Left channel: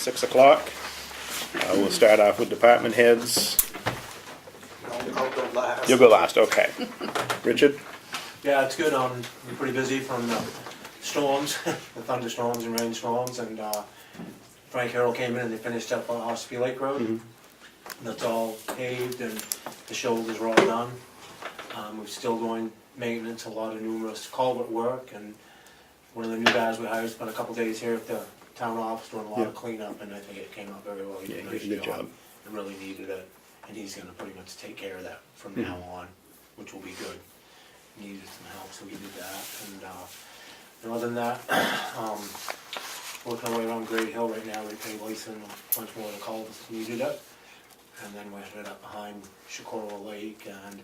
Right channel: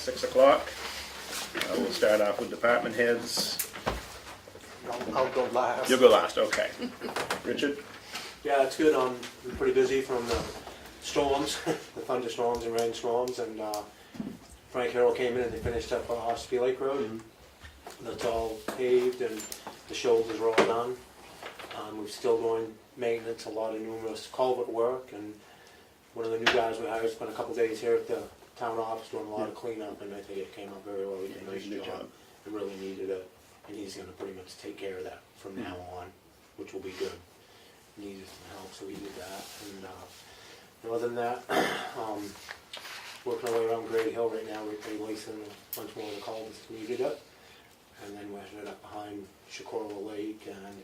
6 o'clock. We'll start off with department heads. I'll go last. You'll go last, okay. Richard? Yeah, it's good. We're pretty busy from the storms, the thunderstorms and rainstorms, and Frank Harrell came in and they finished up Ospey Lake Road. That's all paved and the shoulders are all done. We're still doing maintenance, a lot of numerous culvert work, and one of the new guys we hired spent a couple days here at the town office doing a lot of cleanup, and I think it came up very well. He did a nice job. It really needed it, and he's going to pretty much take care of that from now on, which will be good. He needed some help, so we did that. And other than that, working our way around Great Hill right now, we're lacing a bunch more of the culverts that needed it. And then we're headed up behind Shakora Lake and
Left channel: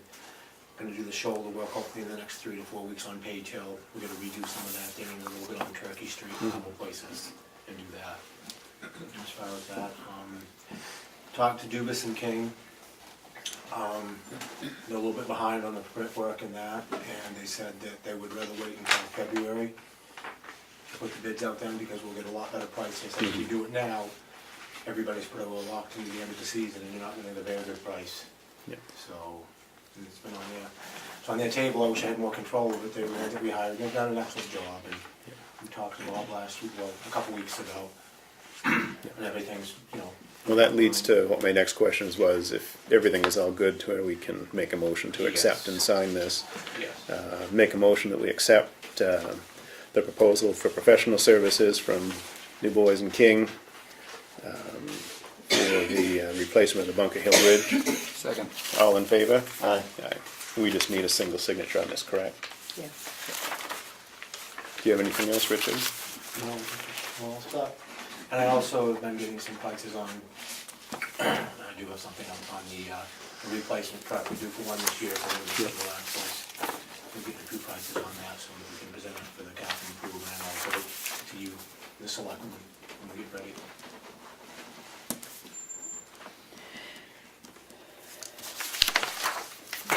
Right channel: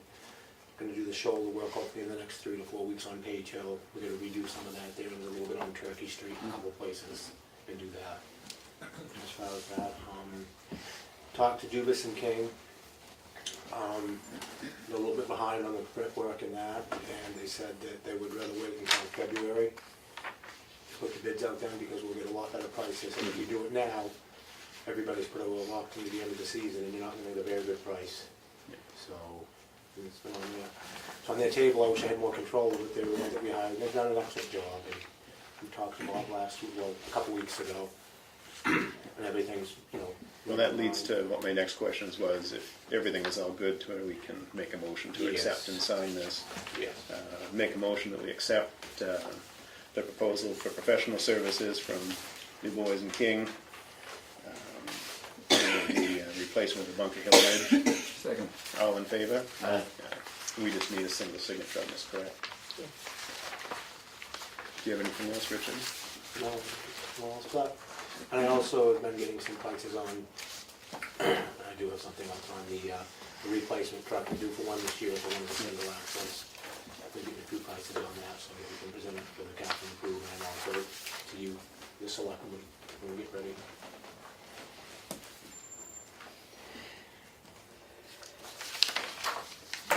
going to do the shoulder work hopefully in the next 3 to 4 weeks on Page Hill. We're going to redo some of that there and a little bit on Turkey Street in a couple places and do that. As far as that, talked to Dubus and King. They're a little bit behind on the brickwork and that, and they said that they would rather wait until February to put the bids out then because we'll get a lot better price. They said if we do it now, everybody's put a little locked into the end of the season and you're not going to get a very good price. Yeah. So, and it's been on there. So on their table, I wish I had more control of it. They were the ones that we hired. They've done an excellent job, and we talked to them all last week, well, a couple weeks ago, and everything's, you know. Well, that leads to what my next question was, if everything is all good to where we can make a motion to accept and sign this. Yes. Make a motion that we accept the proposal for professional services from Du Bois and King for the replacement of the Bunker Hill Bridge. Second. All in favor? Aye. Aye. We just need a single signature on this, correct? Yeah. Do you have anything else, Richard? Well, stuff. And I also have been getting some prices on, I do have something on the replacement truck we do for one this year, but I'm going to the last place. We're getting a few prices on that so that we can present it for the capital improvement and also to you, the selectmen, when we get ready.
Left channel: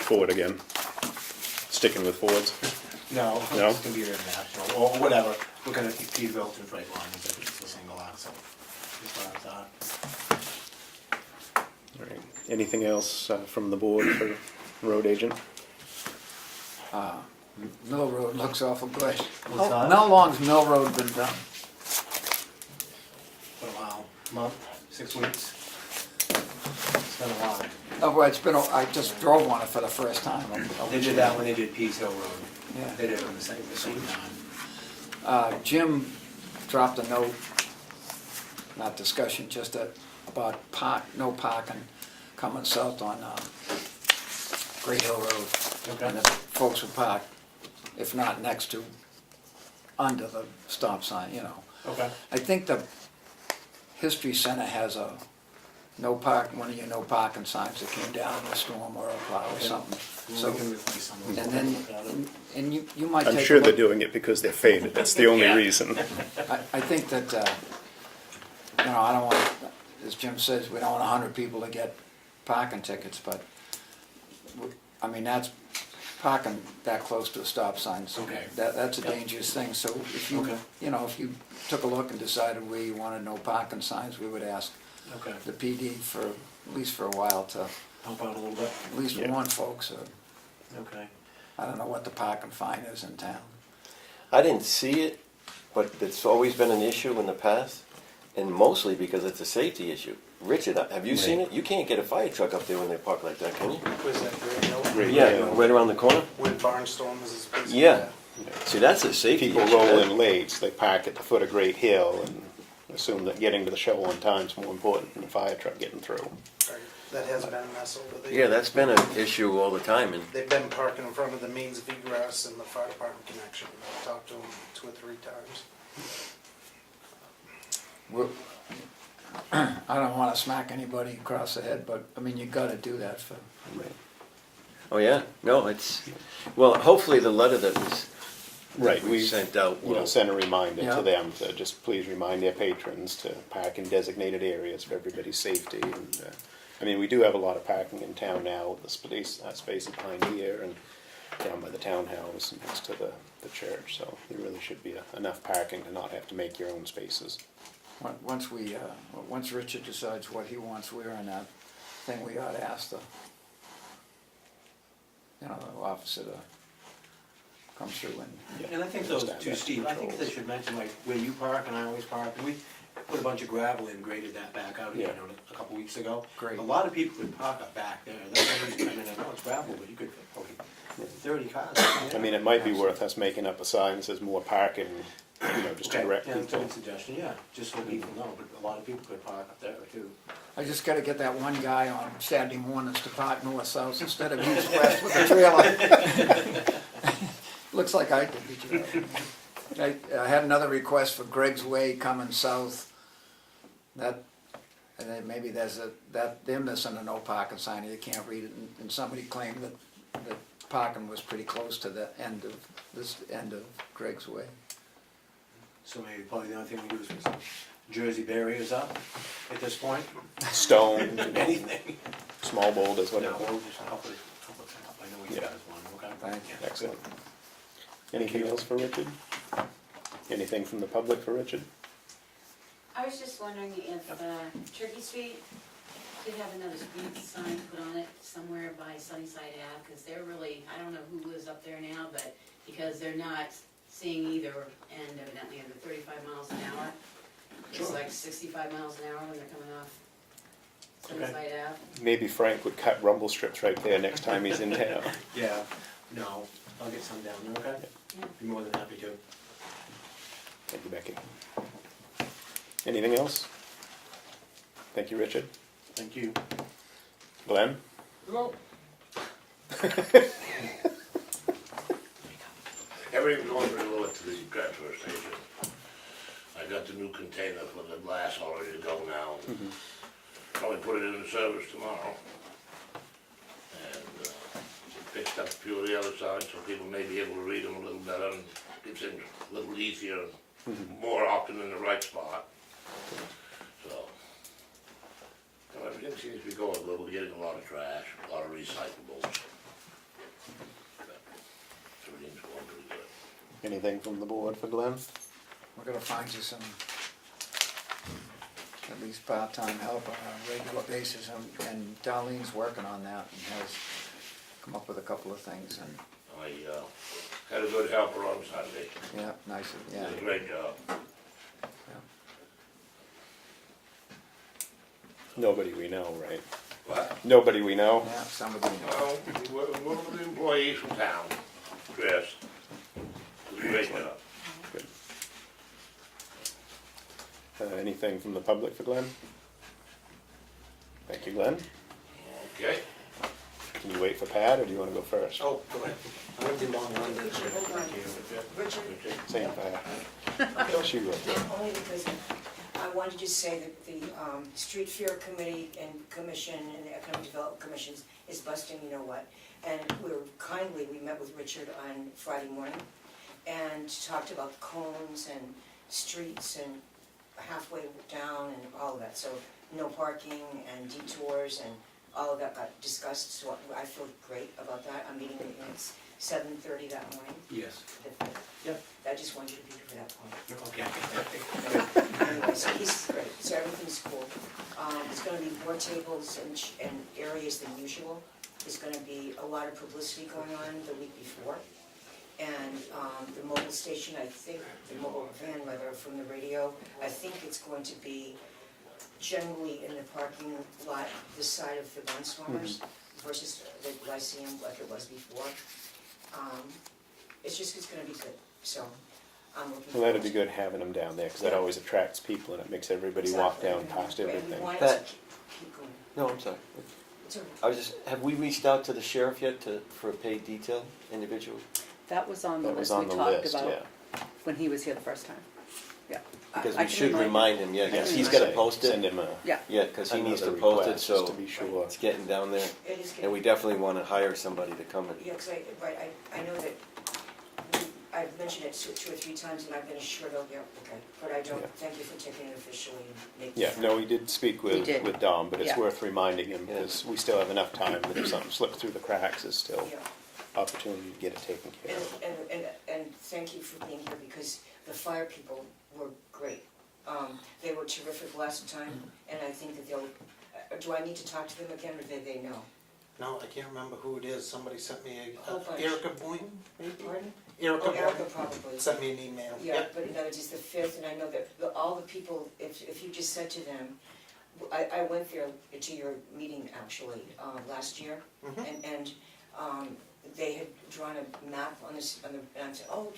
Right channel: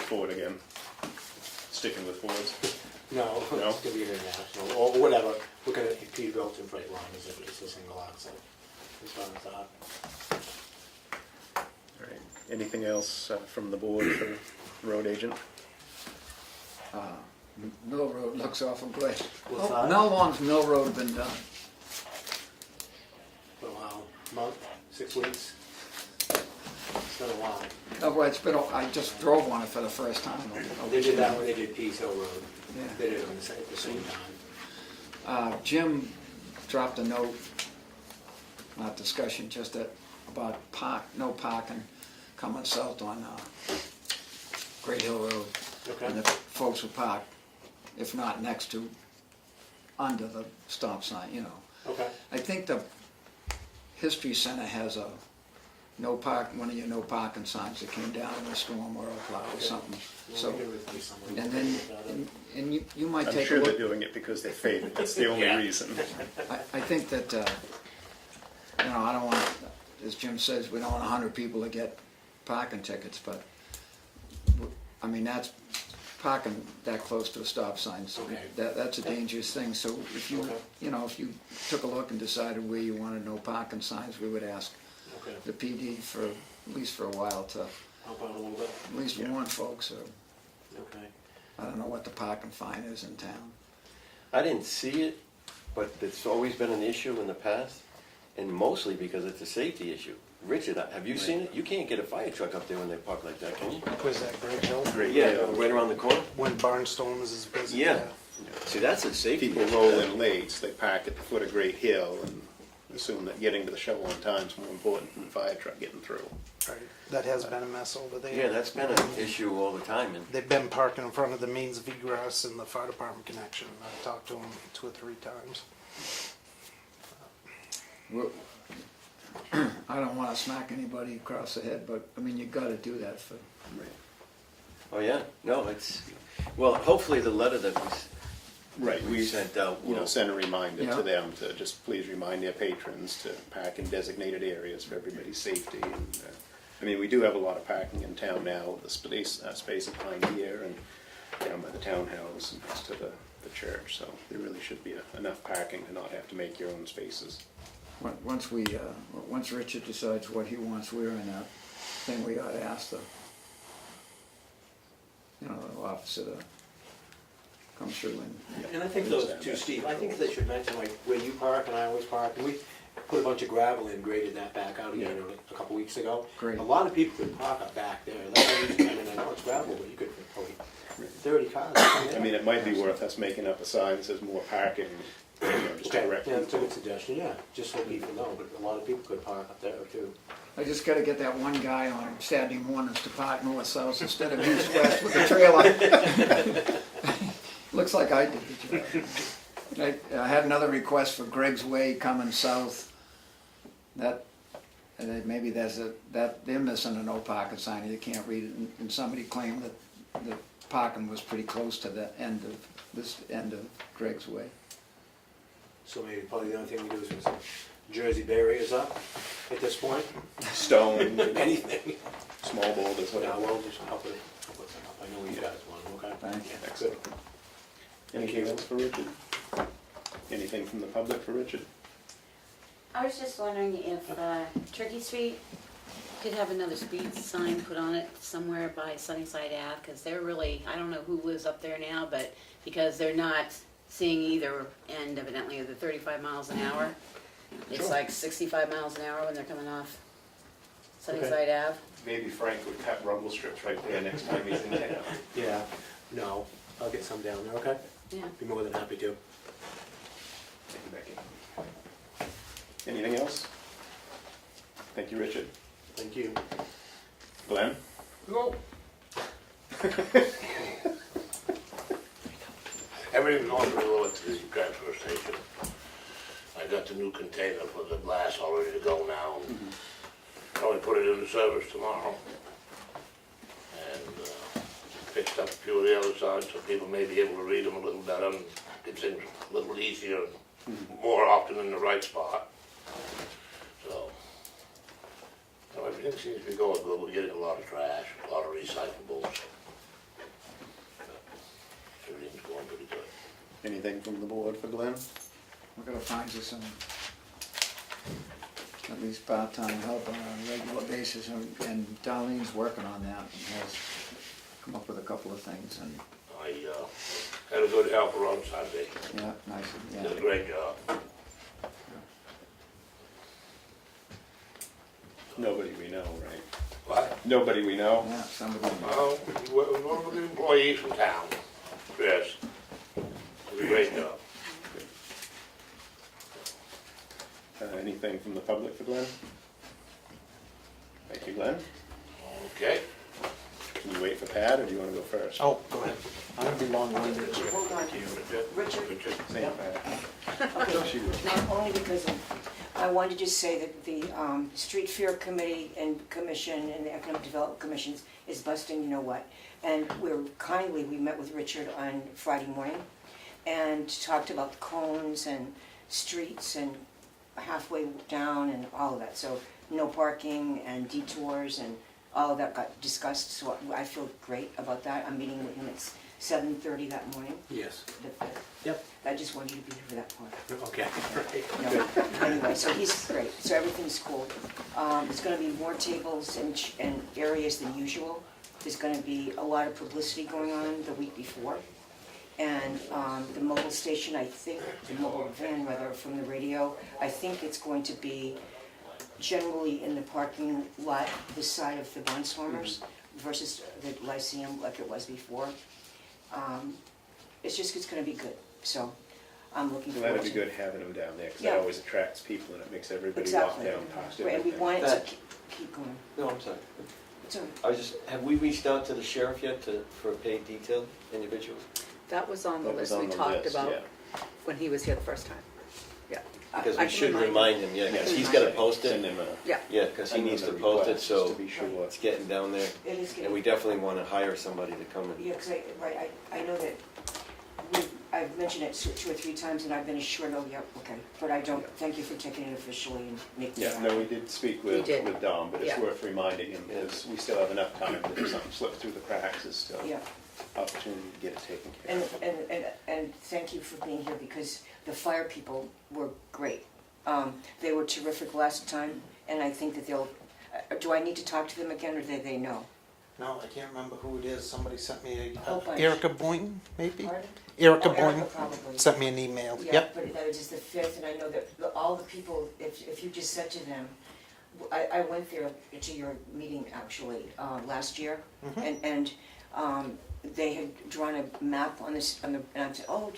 Ford again. Sticking with Fords. No, No? it's going to be international or whatever. We're going to Peterbilt and Freightliner if it's a single axle. As far as that. All right. Anything else from the board for road agent? Mill Road looks awful good. What's that? How long's Mill Road been done? For a while, month, 6 weeks. It's been a while. Oh, well, it's been, I just drove one for the first time. They did that when they did Pease Hill Road. Yeah. They did it on the same time. Jim dropped a note, not discussion, just about no parking coming south on Great Hill Road. Okay. And if folks will park, if not next to, under the stop sign, you know. Okay. I think the History Center has a one of your no parking signs that came down in the storm or a plow or something. So, and then, and you might take I'm a sure they're look. doing it because they're faded. That's the only reason. I think that, you know, I don't want, as Jim says, we don't want 100 people to get parking tickets, but, I mean, that's parking that close to a stop sign, so Okay. that's a dangerous thing. So if you, Okay. you know, if you took a look and decided where you wanted no parking signs, we would ask Okay. the PD for, at least for a while, to Help out a little bit. at least warn folks, or Okay. I don't know what the parking fine is in town. I didn't see it, but it's always been an issue in the past, and mostly because it's a safety issue. Richard, have you seen it? You can't get a fire truck up there when they park like that, can you? Was that Great Hill? Yeah, right around the corner. When Barnstorms is basically. Yeah. See, that's a safety People issue. roll in late, so they park at the foot of Great Hill and assume that getting to the show on time is more important than the fire truck getting through. Right. That has been a mess over there. Yeah, that's been an issue all the time, and They've been parking in front of the means of egress and the fire department connection. I've talked to them 2 or 3 times. I don't want to smack anybody across the head, but I mean, you got to do that for. oh yeah, no, it's, well, hopefully the letter that was Right, we we sent out will. send a reminder Yeah. to them to just please remind their patrons to park in designated areas for everybody's safety. And I mean, we do have a lot of parking in town now. The space behind here and down by the townhouse and next to the church. So there really should be enough parking to not have to make your own spaces. Once Richard decides what he wants, we're in that thing, we ought to ask the officer to come through and, And I think those two, Steve, I think they should mention like where you park and I always park, and we put a bunch of gravel in, graded that back out again a couple weeks ago. Great. A lot of people could park up back there, that's what I mean, I know it's gravel, but you could probably 30 cars. I mean, it might be worth us making up a sign that says more parking, just to Okay, direct yeah, that's a people. good suggestion, yeah, just so people know, but a lot of people could park up there too. I just gotta get that one guy on Saturday mornings to park north-south instead of east-west with the trailer. Looks like I did the job. I had another request for Greg's Way coming south. Maybe they're missing a no parking sign, you can't read it, and somebody claimed that parking was pretty close to the end of Greg's Way. So maybe probably the only thing we do is put some Jersey barriers up at this point. Stone, Anything. small boulders, Yeah, whatever. we'll just couple it up. I know we got one, okay? Thank you. Excellent. Anything else for Richard? Anything from the public for Richard? I was just wondering if Turkey Street could have another speed sign put on it somewhere by Sunnyside Ave, because they're really, I don't know who lives up there now, but because they're not seeing either end evidently of the 35 miles an hour. It's Sure. like 65 miles an hour when they're coming off Sunnyside Ave. Maybe Frank would cut rumble strips right there next time he's in town. Yeah, no, I'll get some down there, okay? Yeah. Be more than happy to. Thank you, Becky. Anything else? Thank you, Richard. Thank you. Glenn? Everything going pretty well at the transfer station. I got the new container for the glass all ready to go now. Probably put it into service tomorrow. And fixed up a few of the other sides so people may be able to read them a little better and get things a little easier and more often in the right spot. So everything seems to be going good. We're getting a lot of trash, a lot of recyclables. Everything's going pretty good. Anything from the board for Glenn? We're gonna find you some, at least part-time help on a regular basis, and Darlene's working on that and has come up with a couple of things, and, I had a good helper on Sunday. yeah, nice, Did a yeah. great job. Nobody we know, right? What? Nobody we know? Yeah, somebody, Oh, one of the employees from town, Chris, did a great job. Good. Anything from the public for Glenn? Thank you, Glenn. Okay. Can you wait for Pat, or do you want to go first? Oh, go ahead. I don't think long one did. Hold on, Richard, Same Pat. She wrote. only because I wanted to just say that the Street Fair Committee and Commission and the Economic Development Commissions is busting, you know what? And we met with Richard on Friday morning and talked about cones and streets and halfway down and all of that. So no parking and detours and all of that got discussed, so I feel great about that. I'm meeting with him at 7:30 that morning. Yes. Yep. I just wanted you to be here for that point. Okay. No, anyway, so he's great, so everything's cool. There's gonna be more tables and areas than usual. There's gonna be a lot of publicity going on the week before. And the mobile station, I think, the mobile van rather, from the radio, I think it's going to be generally in the parking lot, this side of the Barnstormers versus the Lyceum like it was before. It's gonna be good, so I'm looking Well, forward that'd be to it. good having them down there, because that Yeah. always attracts people and it makes everybody walk Exactly. down past Right, and we everything. want it Pat. to keep going. No, I'm sorry. It's all right. I was just, have we reached out to the sheriff yet for a paid detail individual? That was on the That was list on we the talked list, about yeah. when he was here the first time. Yeah. Because I we can should remind him, yeah, because he's gotta post Send it. him a. Yeah. Yeah, because he needs to another post it, request, just so to be sure. it's getting down there. It is And good. we definitely wanna hire somebody to come and, Yeah, because I know that I've mentioned it 2 or 3 times and I've been assured, oh, yeah, okay. But I don't, Yeah. thank you for taking it officially and making Yeah, it no, we did speak We with did. Dom, but it's Yeah. worth reminding him, because we still have enough time, but if something slips through the cracks, there's still Yeah, opportunity to get it taken care of. and thank you for being here because the fire people were great. They were terrific last time, and I think that they'll, do I need to talk to them again, or do they know? No, I can't remember who it is. Somebody sent me A whole bunch. Erica Boynton, maybe? Pardon? Erica Oh, Erica Boynton probably. sent me an email. Yeah, Yep. but that is the 5th, and I know that all the people, if you just said to them, I went there to your meeting actually, last year, and they had drawn a map on this, and I said, oh,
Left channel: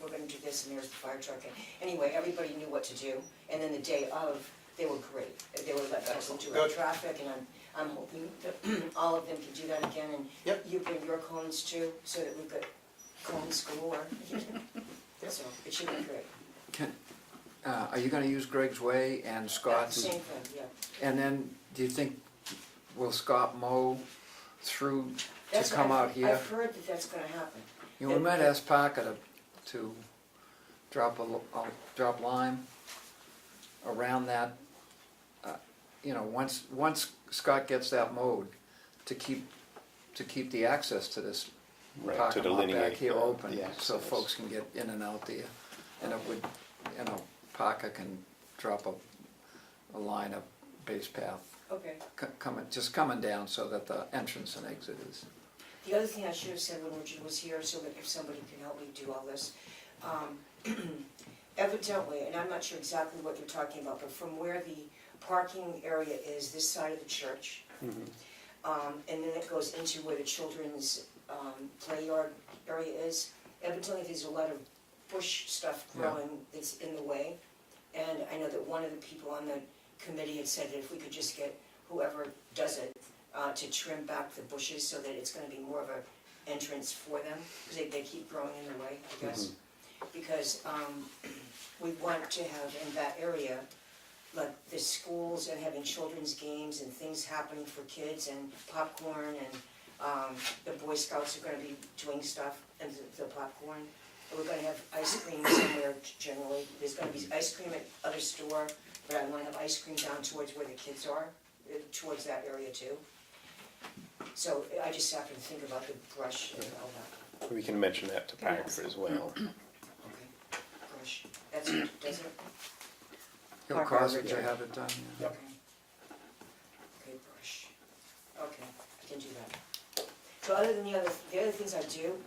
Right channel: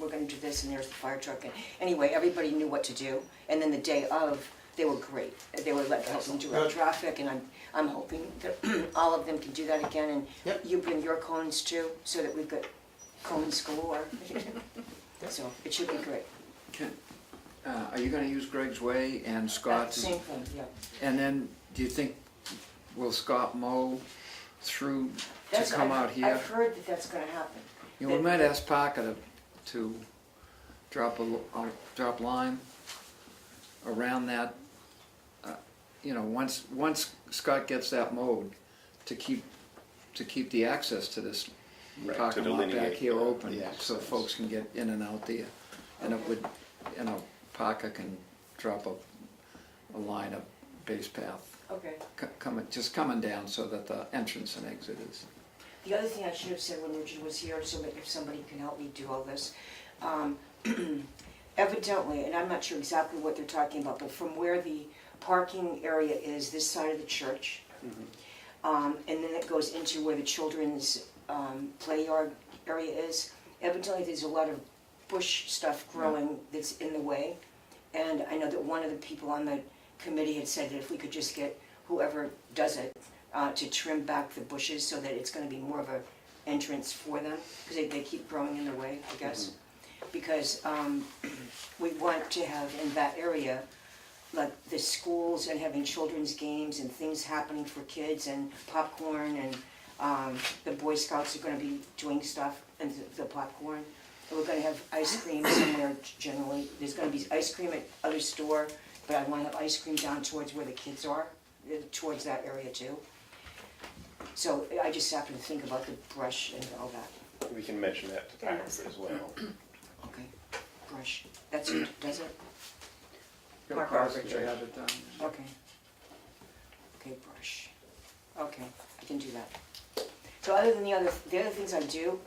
we're gonna do this, and there's the fire truck, and anyway, everybody knew what to do, and then the day of, they were great. They were helping direct traffic, and I'm hoping that all of them can do that again, and Yep. you bring your cones too, so that we've got cones galore. So, it should be great. Are you gonna use Greg's Way and Scott's? Same thing, yeah. And then, do you think, will Scott mow through to That's- come out here? I've heard that that's gonna happen. You know, we might ask Parker to drop drop line around that, you know, once Scott gets that mowed, to keep the access to this Right, to parking lot back delineate here the open, so access. folks can get in and out there. And it would, you know, Parker can drop a line of base path, Okay. just coming down so that the entrance and exit is. The other thing I should have said when Richard was here, so that if somebody can help me do all this, evidently, and I'm not sure exactly what they're talking about, but from where the parking area is, this side of the church, and then it goes into where the children's play yard area is, evidently there's a lot of bush stuff growing that's in the way, and I know that one of the people on the committee had said that if we could just get whoever does it to trim back the bushes so that it's going to be more of a entrance for them, because they keep growing in their way, I guess. Because we want to have in that area, like the schools and having children's games and things happening for kids and popcorn, and the Boy Scouts are going to be doing stuff and the popcorn. And we're going to have ice cream somewhere generally. There's going to be ice cream at other store, but I want to have ice cream down towards where the kids are, towards that area too. So I just have to think about the brush and all that. We can mention that to Parker as well. Okay, brush. That's it, does it? He'll Park cross over it there. ahead of time. Okay. Okay, brush. Okay, I can do that. So other than the other things I do,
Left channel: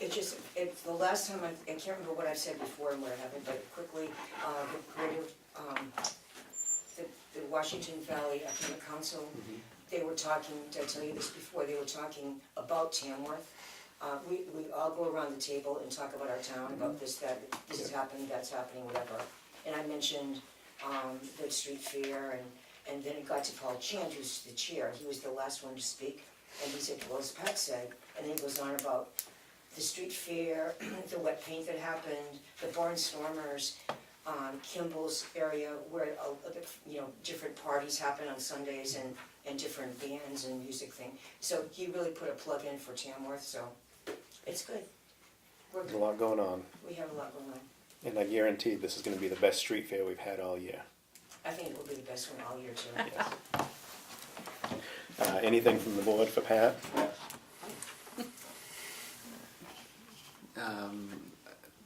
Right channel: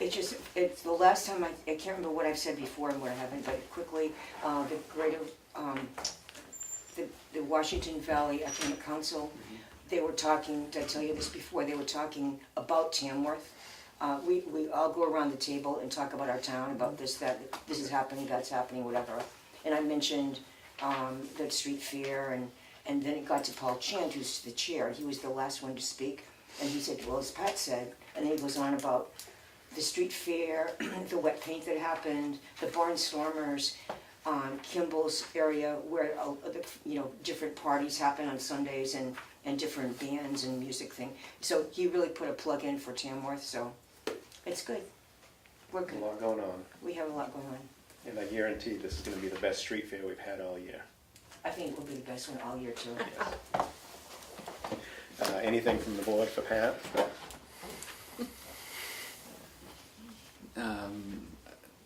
it's the last time I can't remember what I've said before and what I haven't, but quickly, the Washington Valley Economic Council, they were talking, did I tell you this before, they were talking about Tamworth. We all go around the table and talk about our town, about this, that, this is happening, that's happening, whatever. And I mentioned the street fair, and then it got to Paul Chant, who's the chair. He was the last one to speak, and he said, well, as Pat said, and then he goes on about the street fair, the wet paint that happened, the barnstormers, Kimball's area, where different parties happen on Sundays, and different bands and music thing. So he really put a plug in for Tamworth, so it's good. We're There's a good. lot going on, We have a lot going on. and I guarantee this is going to be the best street fair we've had all year. I think it will be the best one all year too. Yes. Anything from the board for Pat?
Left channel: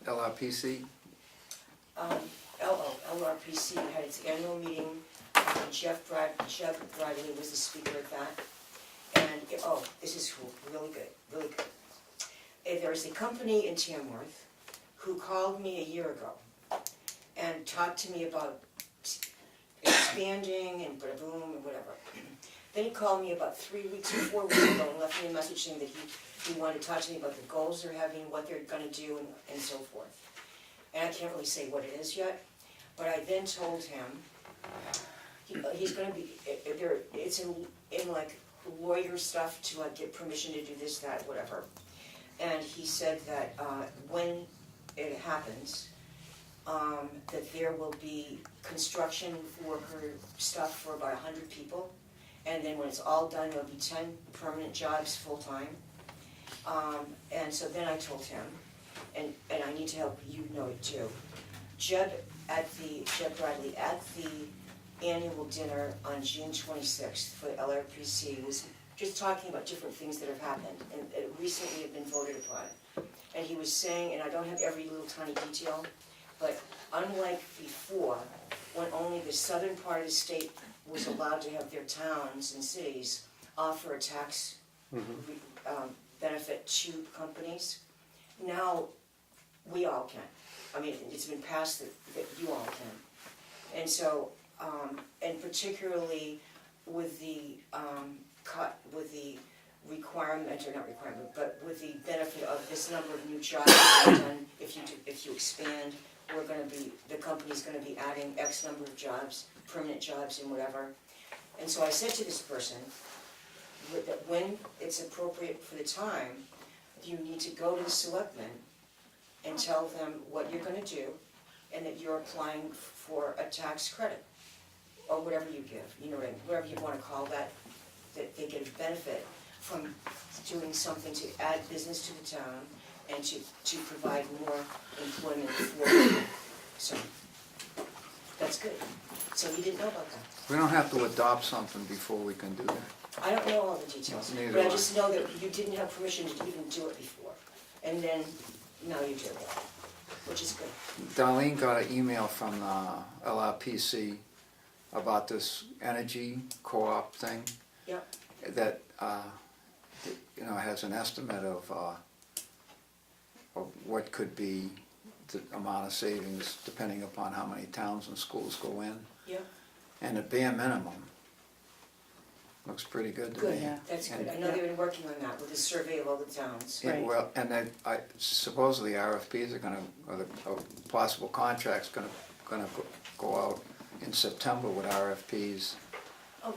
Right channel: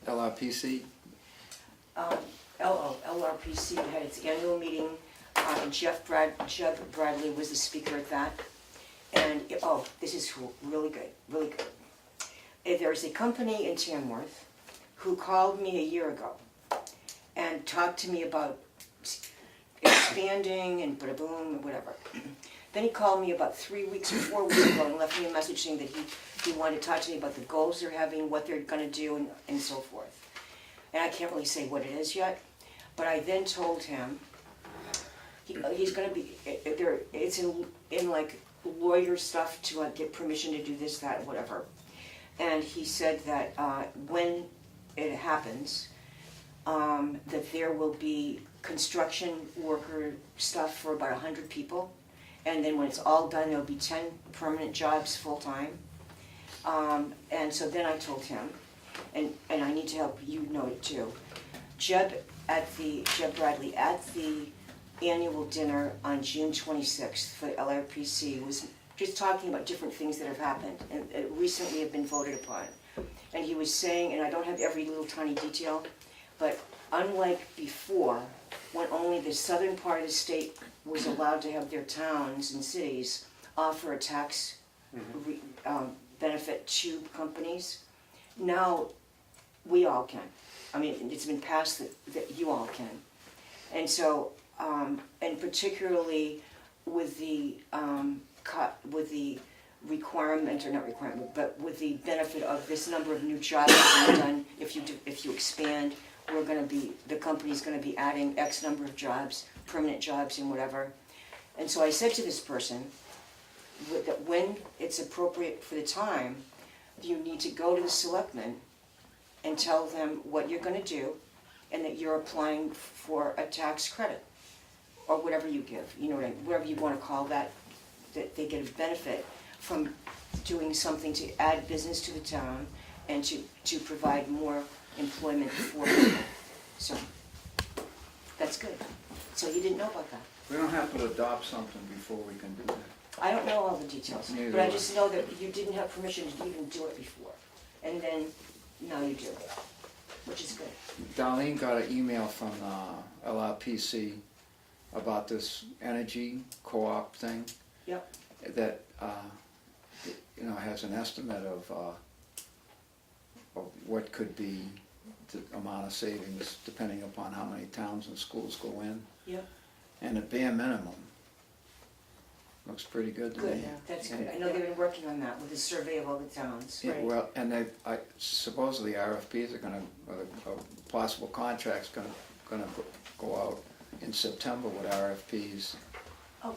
LRPC, LRPC had its annual meeting. Jeff Bradley was the speaker at that. And, this is really good, really good. There's a company in Tamworth who called me a year ago and talked to me about expanding and bada-boom and whatever. Then he called me about 4 weeks ago and left me a message saying that he wanted to talk to me about the goals they're having, what they're going to do, and so forth. And I can't really say what it is yet, but I then told him he's going to be it's in like lawyer stuff to get permission to do this, that, and whatever. And he said that when it happens, that there will be construction worker stuff for about 100 people, and then when it's all done, there'll be 10 permanent jobs full-time. And so then I told him, and I need to help you know it too, Jeb Bradley at the annual dinner on June 26th for LRPC was just talking about different things that have happened and recently have been voted upon. And he was saying, and I don't have every little tiny detail, but unlike before, when only the southern part of the state was allowed to have their towns and cities offer a tax benefit to companies, now we all can. I mean, it's been passed that you all can. And so, and particularly with the requirement, or not requirement, but with the benefit of this number of new jobs being done, if you expand, the company's gonna be adding X number of jobs, permanent jobs and whatever. And so I said to this person, that when it's appropriate for the time, you need to go to the selectmen and tell them what you're gonna do, and that you're applying for a tax credit, or whatever you give, you know, whatever you wanna call that they get a benefit from doing something to add business to the town and to provide more employment for people. So, that's good. So you didn't know about that? We don't have to adopt something before we can do that. I don't know all the details, Neither but I do I. just know that you didn't have permission to even do it before. And then, now you do, which is good. Darlene got an email from LRPC about this energy co-op thing Yep, that, you know, has an estimate of what could be the amount of savings depending upon how many towns and schools go in. yep, And the bare minimum looks pretty good to good, me. that's good. And- I know they've been working on that with a survey of all the towns. Yeah, well, and supposedly RFPs are gonna, or possible contracts gonna go out in September with RFPs Oh,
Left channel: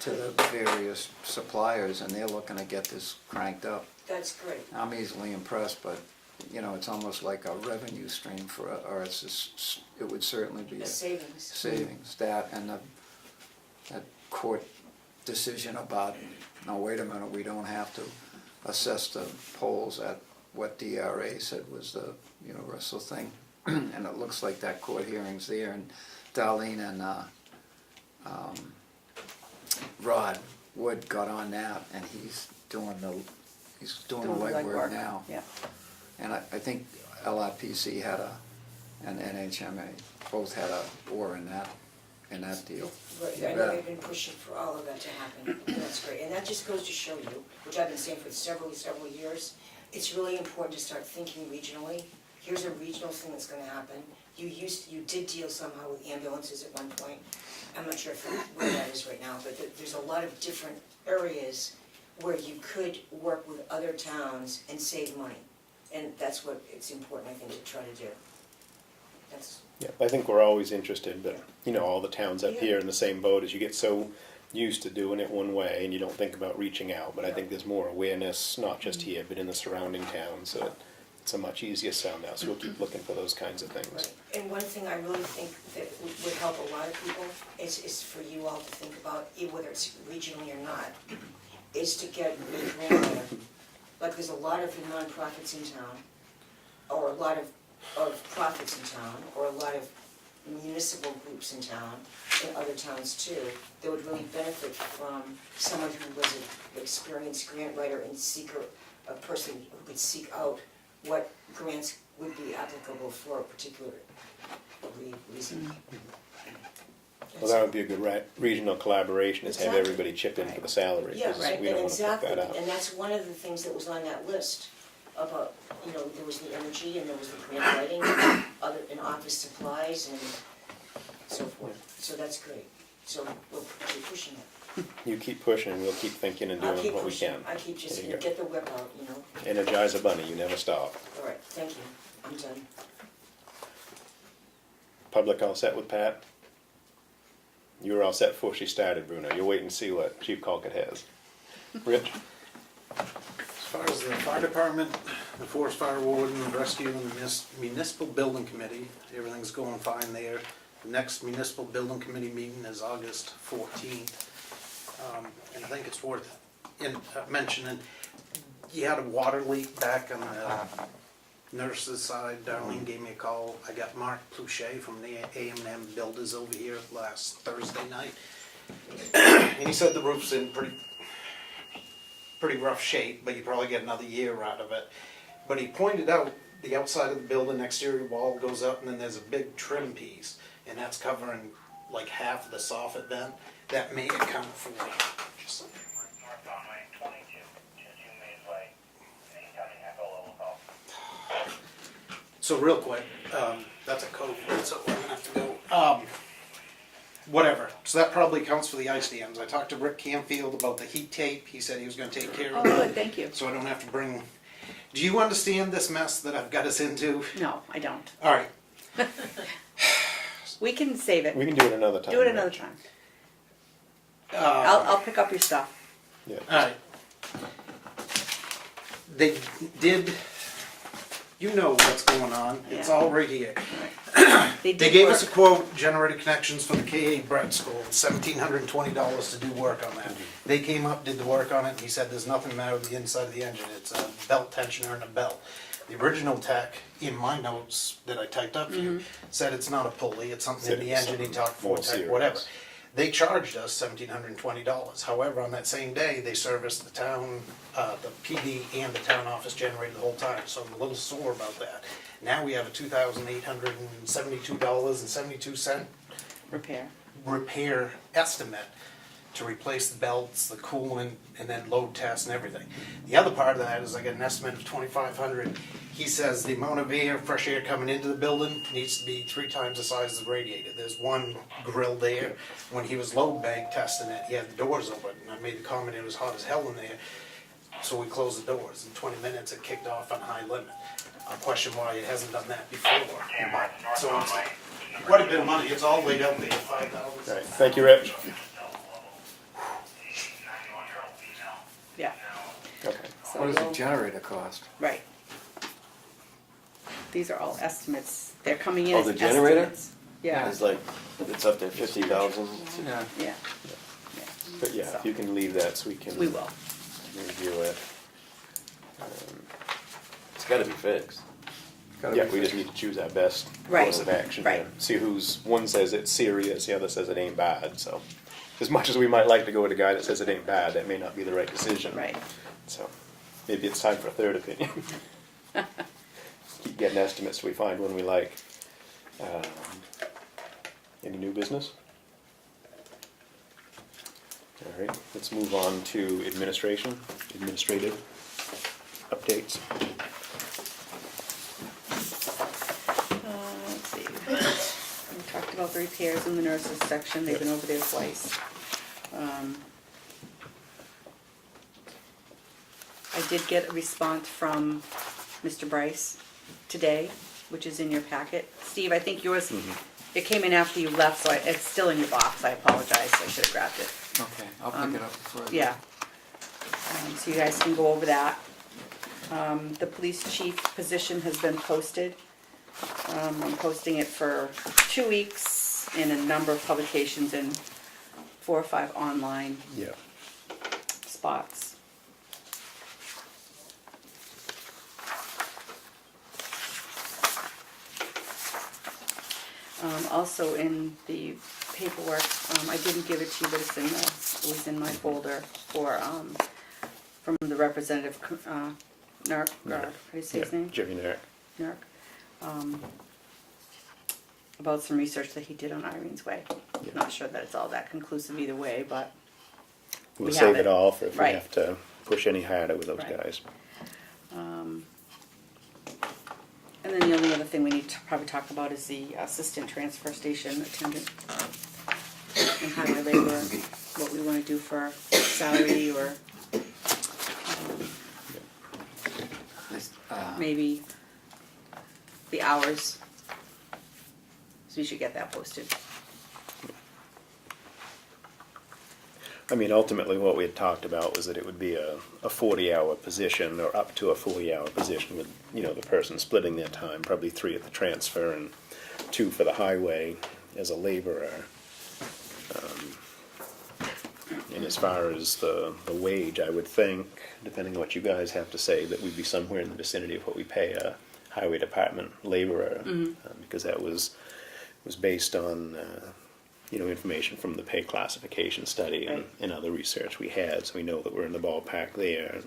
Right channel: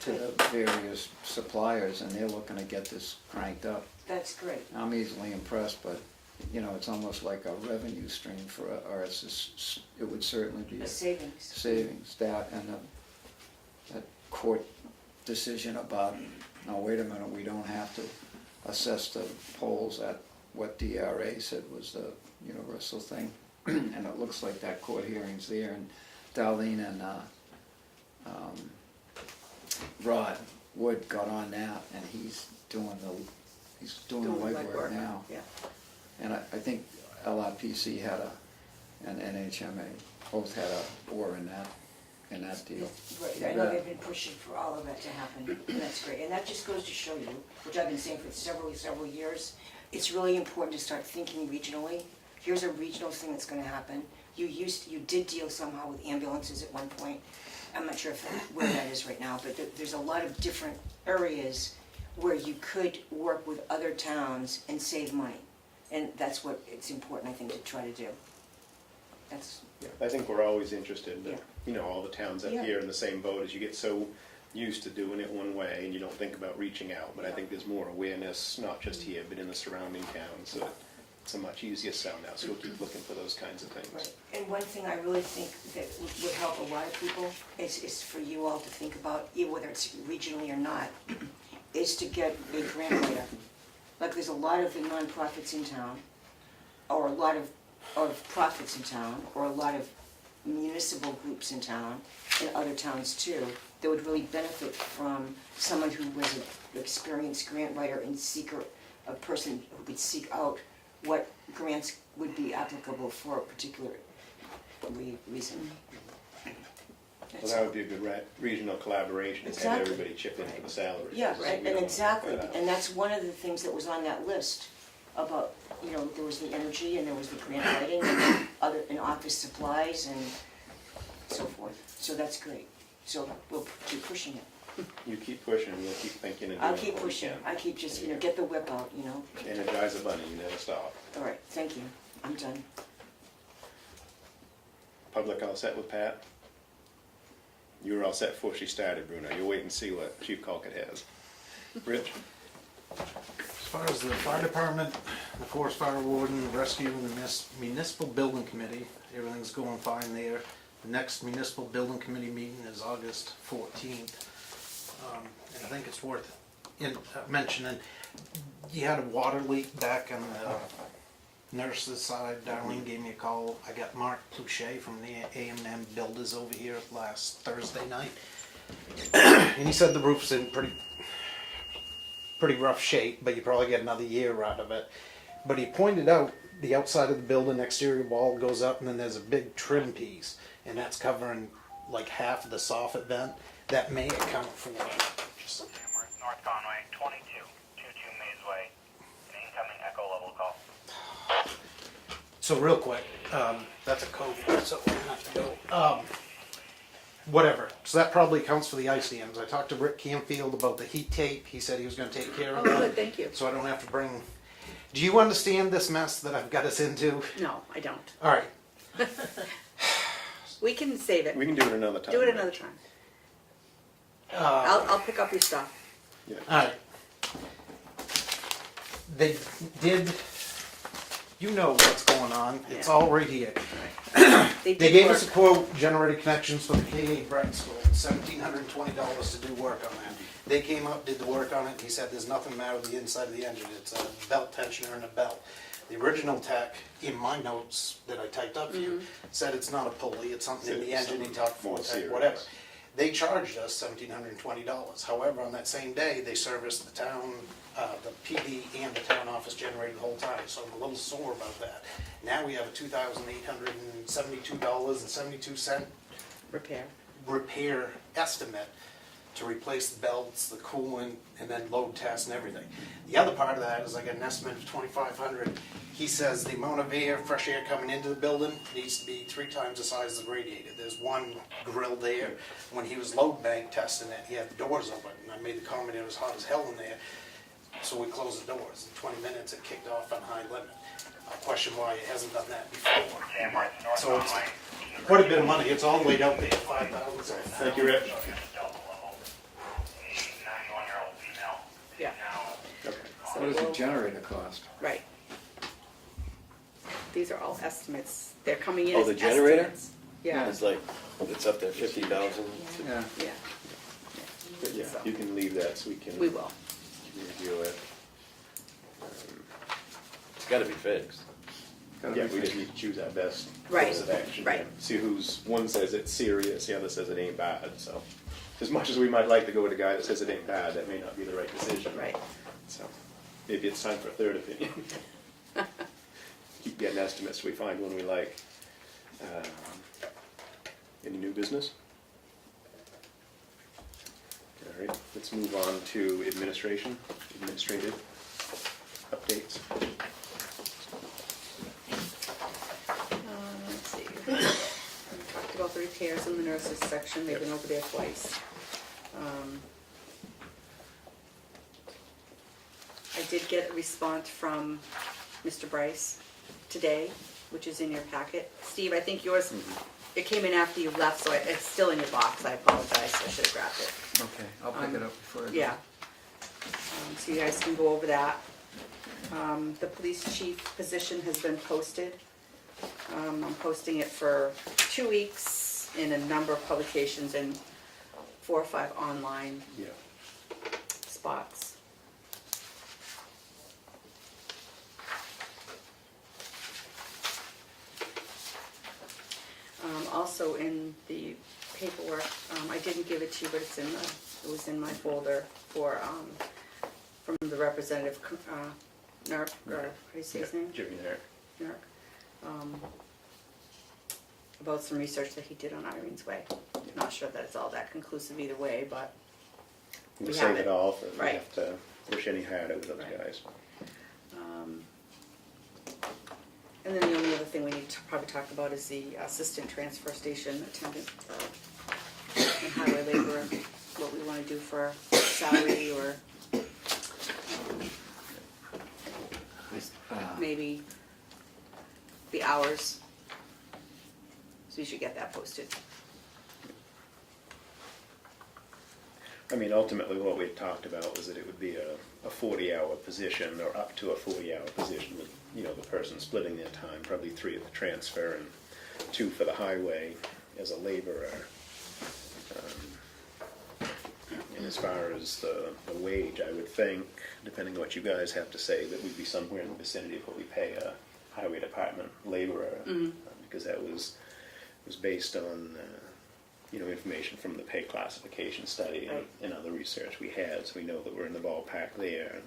to the various suppliers, and they're looking to get this cranked up. that's great. I'm easily impressed, but, you know, it's almost like a revenue stream for, or it's just, it would certainly be A a savings. savings, that and that court decision about, no, wait a minute, we don't have to assess the polls at what DRA said was the universal thing. And it looks like that court hearing's there, and Darlene and Rod Wood got on that, and he's doing the legwork now. Yeah. And I think LRPC had and NHMA both had a oar in that deal. Right, I know they've been pushing for all of that to happen, and that's great. And that just goes to show you, which I've been saying for several years, it's really important to start thinking regionally. Here's a regional thing that's gonna happen. You did deal somehow with ambulances at one point. I'm not sure where that is right now, but there's a lot of different areas where you could work with other towns and save money. And that's what it's important, I think, to try to do. That's, Yeah, I think we're always interested, but, Yeah. you know, all the towns up Yeah. here in the same boat as you get so used to doing it one way and you don't think about reaching out. But I think there's more awareness, not just here, but in the surrounding towns. So it's a much easier sound out. So we'll keep looking for those kinds of things. right. And one thing I really think that would help a lot of people is for you all to think about, whether it's regionally or not, is to get a grant writer. Like there's a lot of nonprofits in town, or a lot of profits in town, or a lot of municipal groups in town, and other towns too, that would really benefit from someone who was an experienced grant writer and a person who could seek out what grants would be applicable for a particular reason. Well, that would be a good regional collaboration, is have Exactly. everybody chip in for the salary. Yeah, 'cause right, we and don't wanna fuck exactly, that up. and that's one of the things that was on that list about, there was the energy, and there was the grant writing, and office supplies, and so forth. So that's great. So we'll keep pushing it. You keep pushing, and we'll keep thinking and I'll doing keep what we pushing. can. I keep just, There you go. get the whip out, Energize a bunny, you never stop. All right, thank you. I'm done. Public all set with Pat? You were all set before she started, Bruno. You'll wait and see what Chief Colquitt has. Rich? As far as the fire department, the forest fire warden, the rescue, and the municipal building committee, everything's going fine there. The next municipal building committee meeting is August 14th. And I think it's worth mentioning, you had a water leak back on the nurse's side. Darlene gave me a call. I got Mark Pluchet from the A&M Builders over here last Thursday night. And he said the roof's in pretty rough shape, but you probably get another year out of it. But he pointed out the outside of the building, exterior wall goes up, and then there's a big trim piece, and that's covering like half of the soffit vent. That may account for just like North Conway, 2222 Mays Way, an incoming echo level call. So real quick, that's a code for it, so we're gonna have to go. Whatever, so that probably accounts for the ice dams. I talked to Rick Canfield about the heat tape, he said he was gonna take care Oh, of it. good, thank you. So I don't have to bring, do you understand this mess that I've got us into? No, I don't. Alright, We can save it. We can do it another time. Do it another time. uh, I'll pick up your stuff. Yeah. alright. They did, you know what's going on, it's Yeah. all right here. They They did gave work. us a quote, generated connections for the K.A. Brett School, $1,720 to do work on that. They came up, did the work on it, and he said there's nothing the matter with the inside of the engine, it's a belt tensioner and a belt. The original tech, in my notes that I typed up here, said it's not a pulley, it's something in the Said engine, he something talked more for tech, serious. whatever. They charged us $1,720. However, on that same day, they serviced the town, the PD and the town office generator the whole time, so I'm a little sore about that. Now we have a $2,872.72 Repair. repair estimate to replace the belts, the coolant, and then load tests and everything. The other part of that is I got an estimate of $2,500. He says the amount of air, fresh air coming into the building needs to be 3 times the size of the radiator. There's one grill there. When he was load bank testing it, he had the doors open, and I made the comment it was hot as hell in there. So we closed the doors. In 20 minutes, it kicked off on high limit. I'll question why it hasn't done that before. So it's quite a bit of money. It's all laid out there, $5,000. Alright, thank you, Rich. Yeah. Okay. So What does a we'll- generator cost? Right. These are all estimates. They're coming in Oh, as the generator? estimates. Yeah, It's like, it's up there 50,000. Yeah. yeah. But yeah, if you can leave that so we can We will. review it. It's gotta be fixed. Yeah, we just need to choose our best Right, course of action. right. See one says it's serious, the other says it ain't bad, so. As much as we might like to go with a guy that says it ain't bad, that may not be the right decision. Right. So, maybe it's time for a third opinion. Keep getting estimates till we find one we like. Any new business? All right, let's move on to administrative updates. Let's see. We talked about the repairs in the nurses section. They've been over there twice. I did get a response from Mr. Bryce today, which is in your packet. Steve, I think yours, it came in after you left, so it's still in your box. I apologize. I should have grabbed it. Okay, I'll pick it up before. Yeah. So you guys can go over that. The police chief position has been posted. I'm posting it for 2 weeks in a number of publications and 4 or 5 online Yeah. spots. Also in the paperwork, I didn't give it to you, but it was in my folder for, from the representative, Narc, or how do you say his Yeah, name? Jimmy Nark. Narc. About some research that he did on Irene's Way. Yeah. Not sure that it's all that conclusive either way, but We'll We save have it it. all for if we Right. have to push any harder with those Right. guys. and then the only other thing we need to probably talk about is the assistant transfer station attendant and highway laborer, what we want to do for salary or maybe the hours. So you should get that posted. I mean, ultimately, what we had talked about was that it would be a 40-hour position, or up to a 40-hour position with, the person splitting their time, probably 3 at the transfer and 2 for the highway as a laborer. And as far as the wage, I would think, depending on what you guys have to say, that we'd be somewhere in the vicinity of what we pay a highway department laborer, because that was based on information from the pay classification study and, Right. and other research we had, so we know that we're in the ballpark there.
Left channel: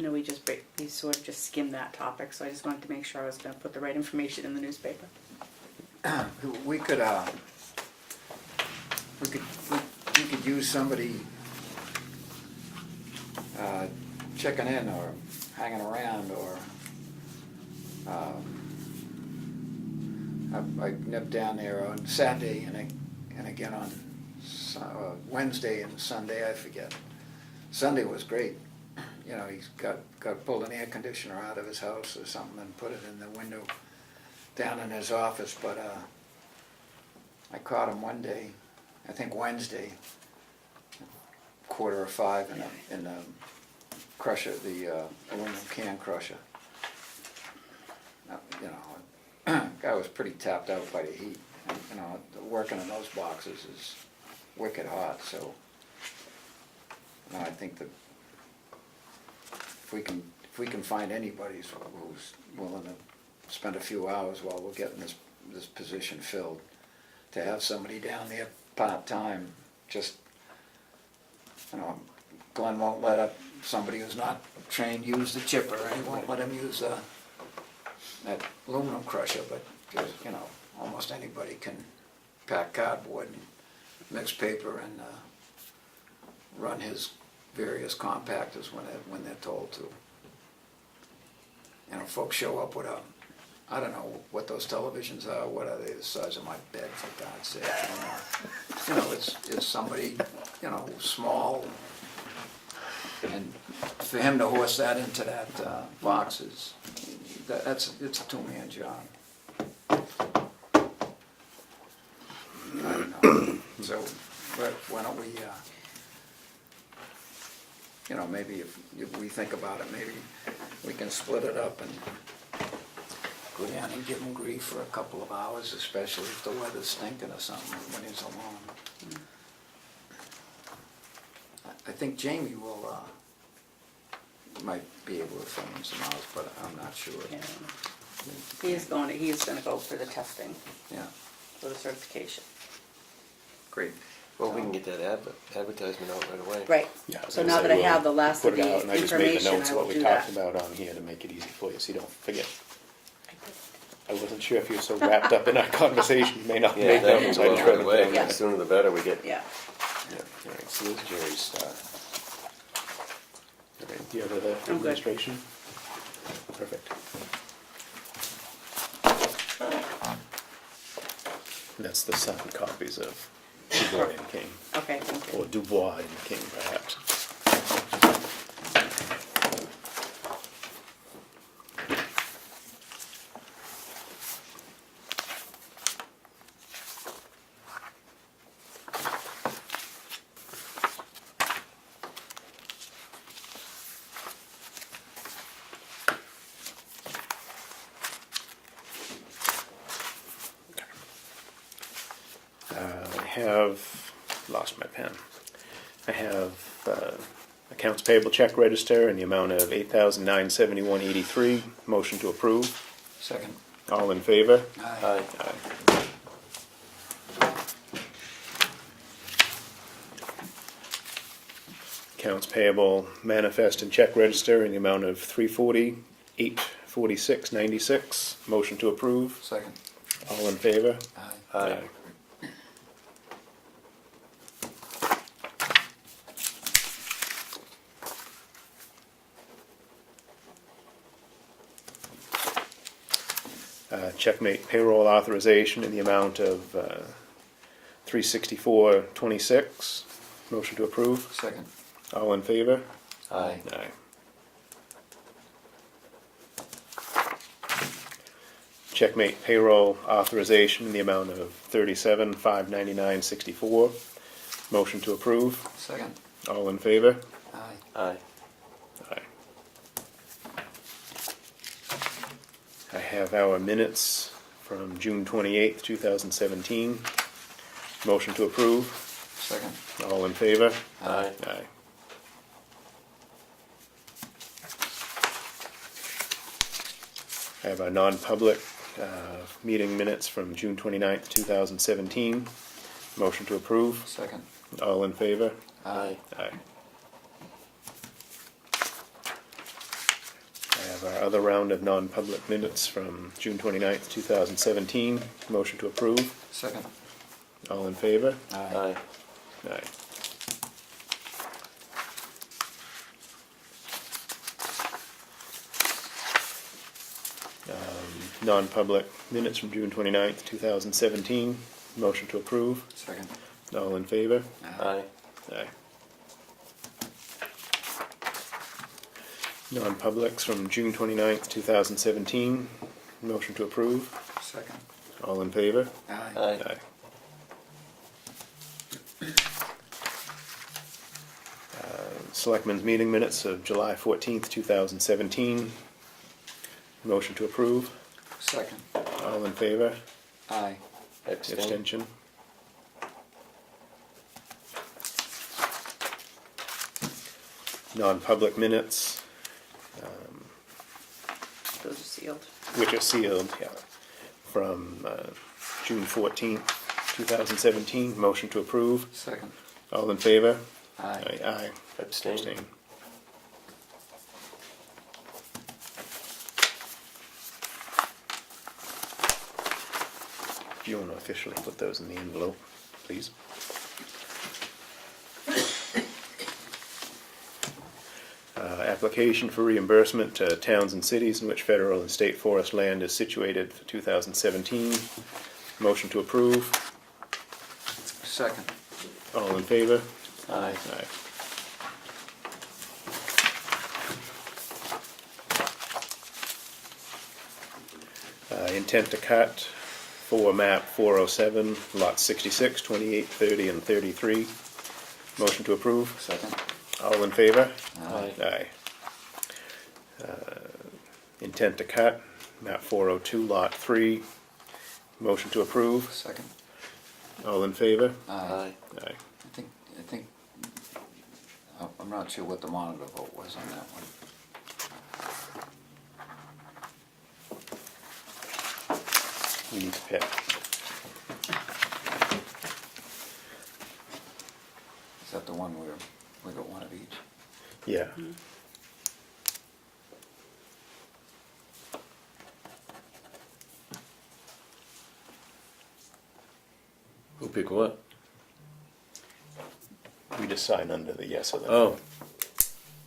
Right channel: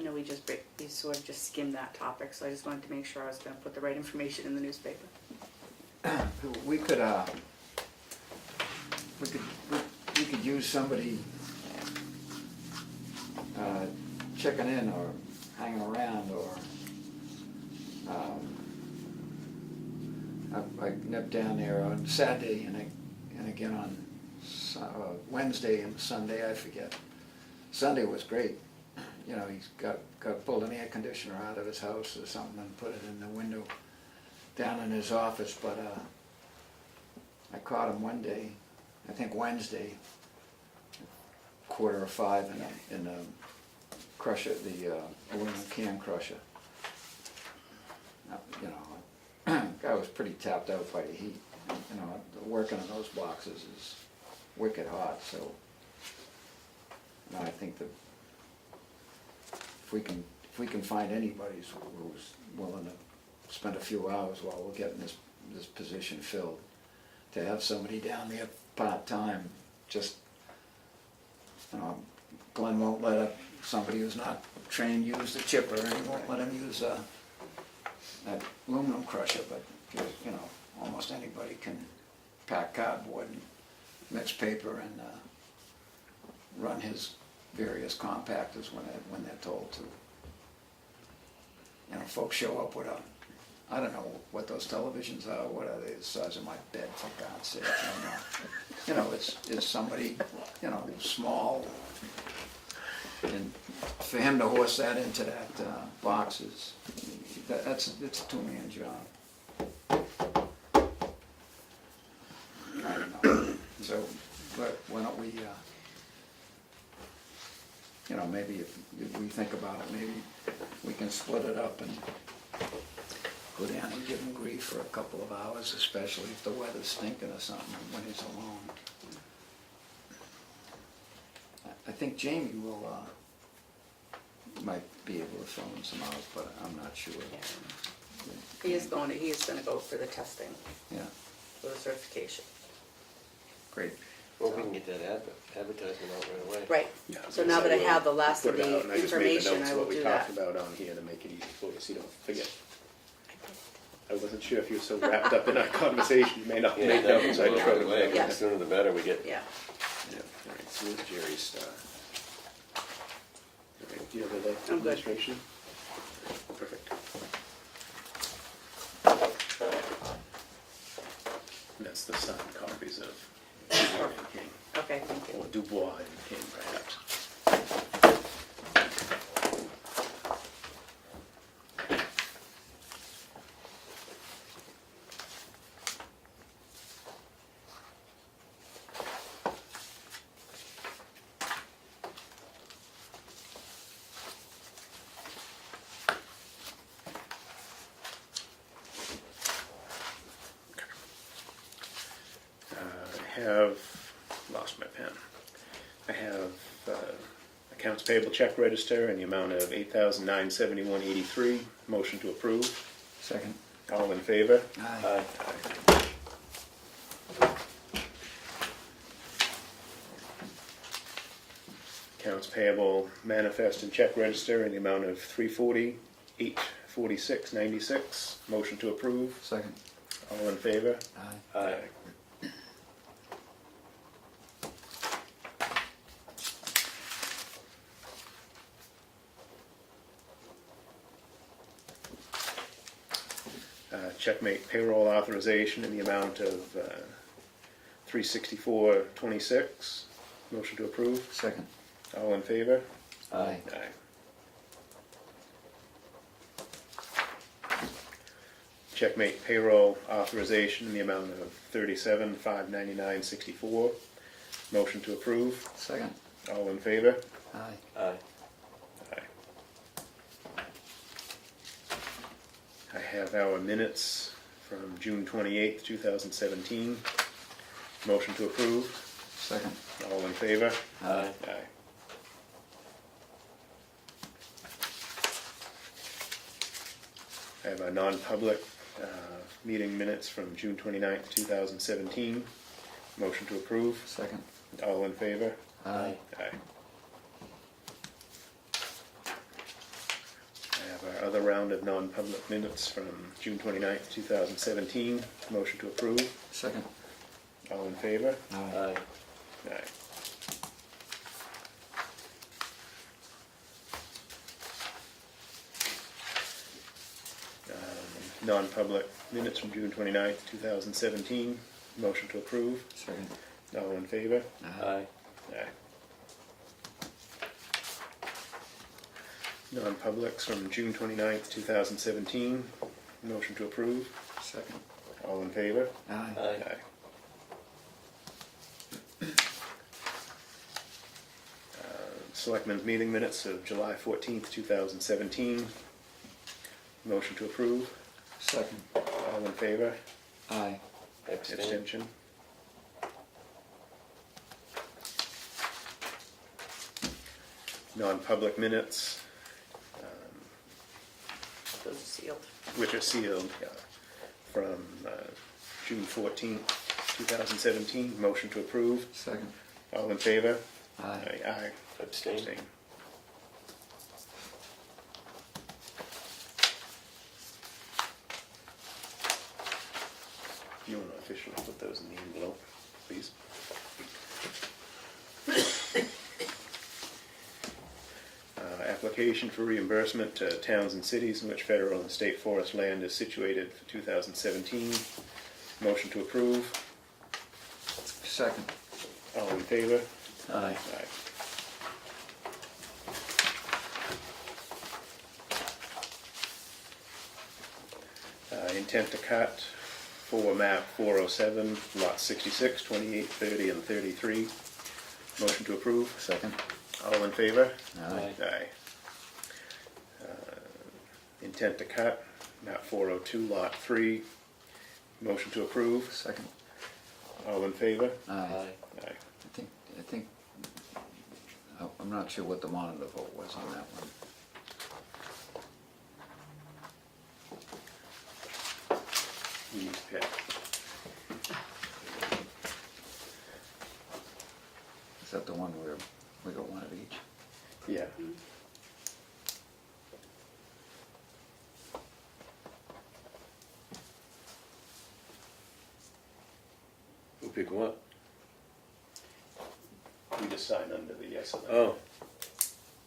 I know we sort of just skimmed that topic, so I just wanted to make sure I was gonna put the right information in the newspaper. We could, we could use somebody checking in or hanging around, or I nipped down there on Saturday and again on Wednesday and Sunday, I forget. Sunday was great. You know, he's got pulled an air conditioner out of his house or something and put it in the window down in his office, but I caught him one day, I think Wednesday, 4:45 in the crusher, the aluminum can crusher. You know, guy was pretty tapped out by the heat. You know, working in those boxes is wicked hot, so you know, I think that if we can find anybody who's willing to spend a few hours while we're getting this position filled, to have somebody down there part-time, just, you know, Glenn won't let somebody who's not trained use the chipper, and he won't let him use that aluminum crusher, but just, you know, almost anybody can pack cardboard and mix paper and run his various compactors when they're told to. You know, folks show up with I don't know what those televisions are. What are they? The size of my bed, for God's sake. I don't know. You know, it's somebody, you know, small, and for him to horse that into that box it's a two-man job. I don't know. So, why don't we? You know, maybe if we think about it, maybe we can split it up and go down and give him grief for a couple of hours, especially if the weather's stinking or something when he's alone. I think Jamie might be able to fill in some hours, but I'm not sure. Yeah. He is gonna go for the testing, Yeah, for the certification. great. Well, we can get that advertisement out right away. Right, Yeah, I was so gonna now say, that I we'll have the last of put it the out, and I just made the information, notes I what will we do talked that. about on here to make it easy for you, so you don't forget. I wasn't sure if you were so wrapped up in our conversation, you may not Yeah, make that notes. can go I out tried right away. to. Yeah. The sooner the better we get. Yeah, Yeah, all right, so there's Jerry's stuff. All right, do you have the I'm good. administration? Perfect. And that's the signed copies of Dubois and King, okay, thank you. or Dubois and King, perhaps. I have lost my pen. I have accounts payable check register in the amount of $8,971.83. Motion to approve. Second. All in favor? Aye. Aye. Accounts payable manifest and check register in the amount of $340,846.96. Motion to approve. Second. All in favor? Aye. Aye. Checkmate payroll authorization in the amount of $364.26. Motion to approve. Second. All in favor? Aye. Aye. Checkmate payroll authorization in the amount of $37,599.64. Motion to approve. Second. All in favor? Aye. Aye. Aye. I have our minutes from June 28th, 2017. Motion to approve. Second. All in favor? Aye. Aye. I have our non-public meeting minutes from June 29th, 2017. Motion to approve. Second. All in favor? Aye. Aye. have our other round of non-public minutes from June 29th, 2017. Motion to approve. Second. All in favor? Aye. Aye. Non-public minutes from June 29th, 2017. Motion to approve. Second. All in favor? Aye. Aye. Non-publics from June 29th, 2017. Motion to approve. Second. All in favor? Aye. Aye. Selectmen's meeting minutes of July 14th, 2017. Motion to approve. Second. All in favor? Aye. Abstain. Abstention? Non-public minutes, Those are sealed. which are sealed, yeah, from June 14th, 2017. Motion to approve. Second. All in favor? Aye. Aye. Abstain. Abstain. Do you want to officially put those in the envelope, please? Application for reimbursement to towns and cities in which federal and state forest land is situated for 2017. Motion to approve. Second. All in favor? Aye. Aye. Intent to cut for map 407, lots 66, 28, 30, and 33. Motion to approve. Second. All in favor? Aye. Aye. Intent to cut, map 402, lot 3. Motion to approve. Second. All in favor? Aye. Aye. Aye. I think, I'm not sure what the monitor vote was on that one. We need to pick. Is that the one where we got one of each? Yeah. Who pick what? We just sign under the yes or no. Oh.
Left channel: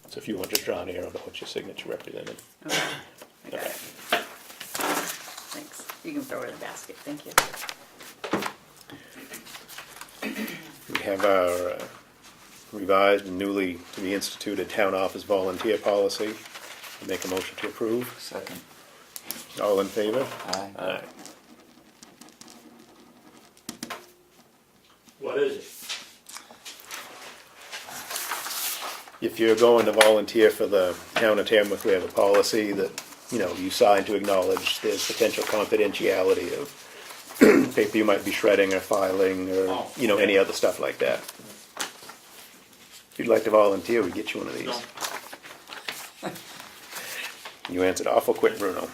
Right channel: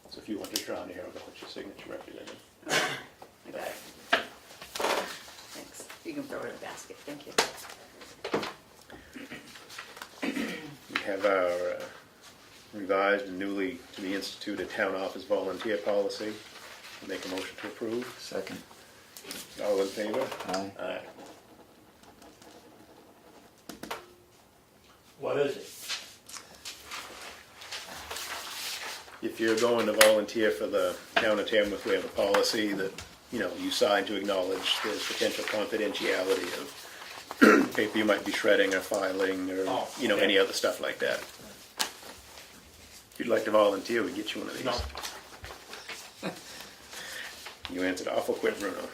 So if you want to draw an arrow to put your signature represented. Okay. Okay. Thanks. You can throw it in the basket. Thank you. We have our revised and newly reinstituted town office volunteer policy. I make a motion to approve. Second. All in favor? Aye. Aye. What is it? If you're going to volunteer for the town of Tamworth, we have a policy that, you know, you sign to acknowledge there's potential confidentiality of paper you might be shredding or filing or, Oh, you know, okay. any other stuff like that. If you'd like to volunteer, we'd get you one of these. No. You answered awful quick, Bruno.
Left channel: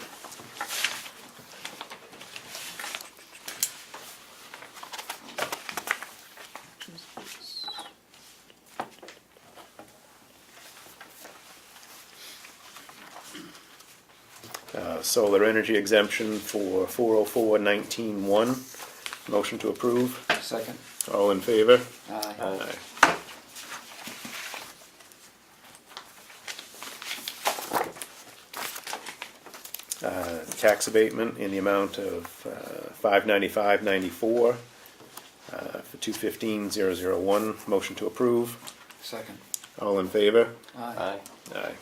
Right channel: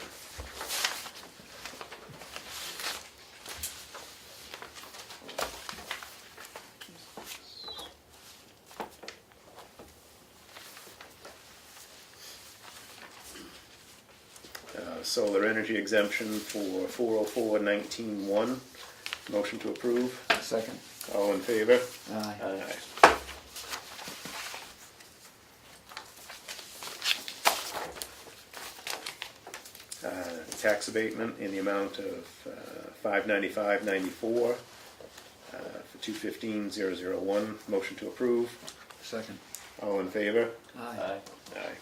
Solar energy exemption for 404-19-1. Motion to approve. Second. All in favor? Aye. Aye. Tax abatement in the amount of $595.94 for 215-001. Motion to approve. Second. All in favor? Aye. Aye.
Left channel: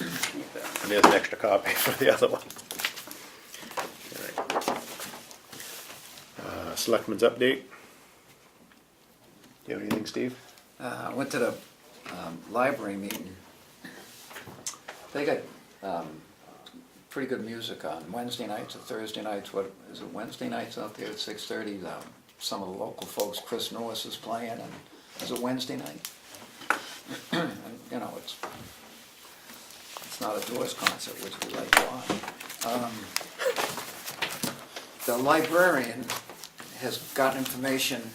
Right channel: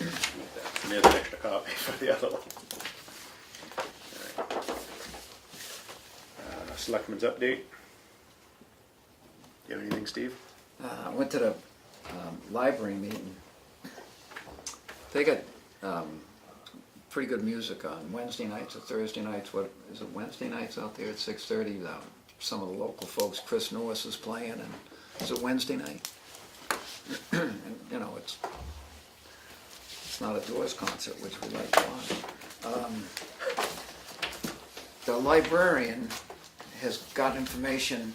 And there's an extra copy for the other one. All right. Selectmen's update. You have anything, Steve? I went to the library meeting. They got pretty good music on Wednesday nights or Thursday nights. What is it? Wednesday nights out there at 6:30. Some of the local folks, Chris Norris is playing, and is it Wednesday night? And, you know, it's not a Doors concert, which we like to watch. The librarian has got information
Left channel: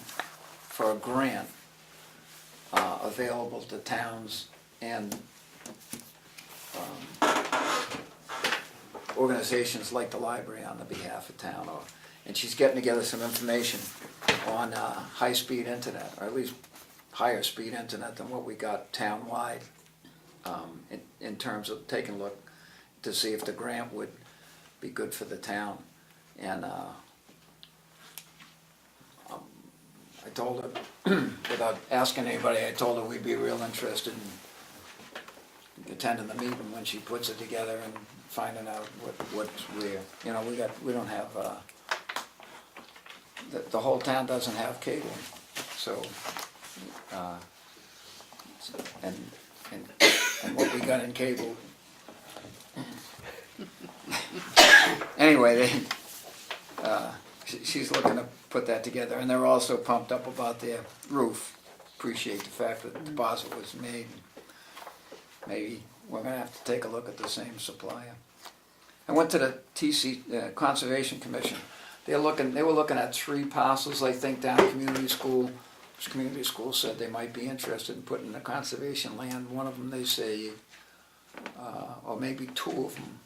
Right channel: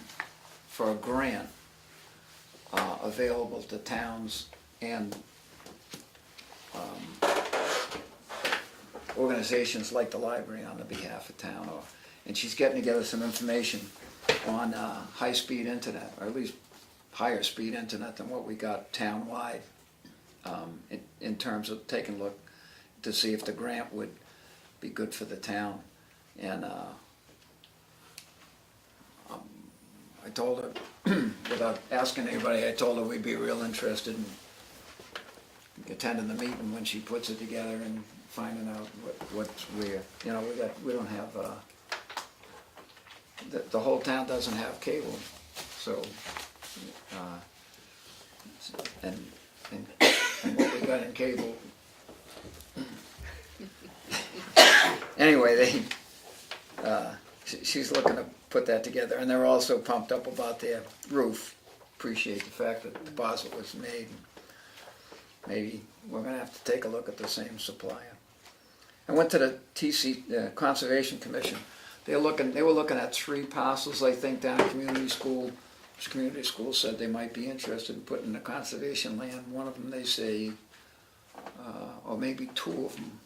for a grant available to towns and organizations like the library on the behalf of town. And she's getting together some information on high-speed internet, or at least higher speed internet than what we got town-wide, in terms of taking a look to see if the grant would be good for the town. And I told her, without asking anybody, I told her we'd be real interested in attending the meeting when she puts it together and finding out what's where. You know, we don't have, the whole town doesn't have cable, so, and what we got in cable. Anyway, she's looking to put that together, and they're also pumped up about their roof. Appreciate the fact that the deposit was made. Maybe we're gonna have to take a look at the same supplier. I went to the Conservation Commission. They were looking at 3 parcels, I think, down at Community School. Which Community School said they might be interested in putting the conservation land. One of them, they say, or maybe 2 of them,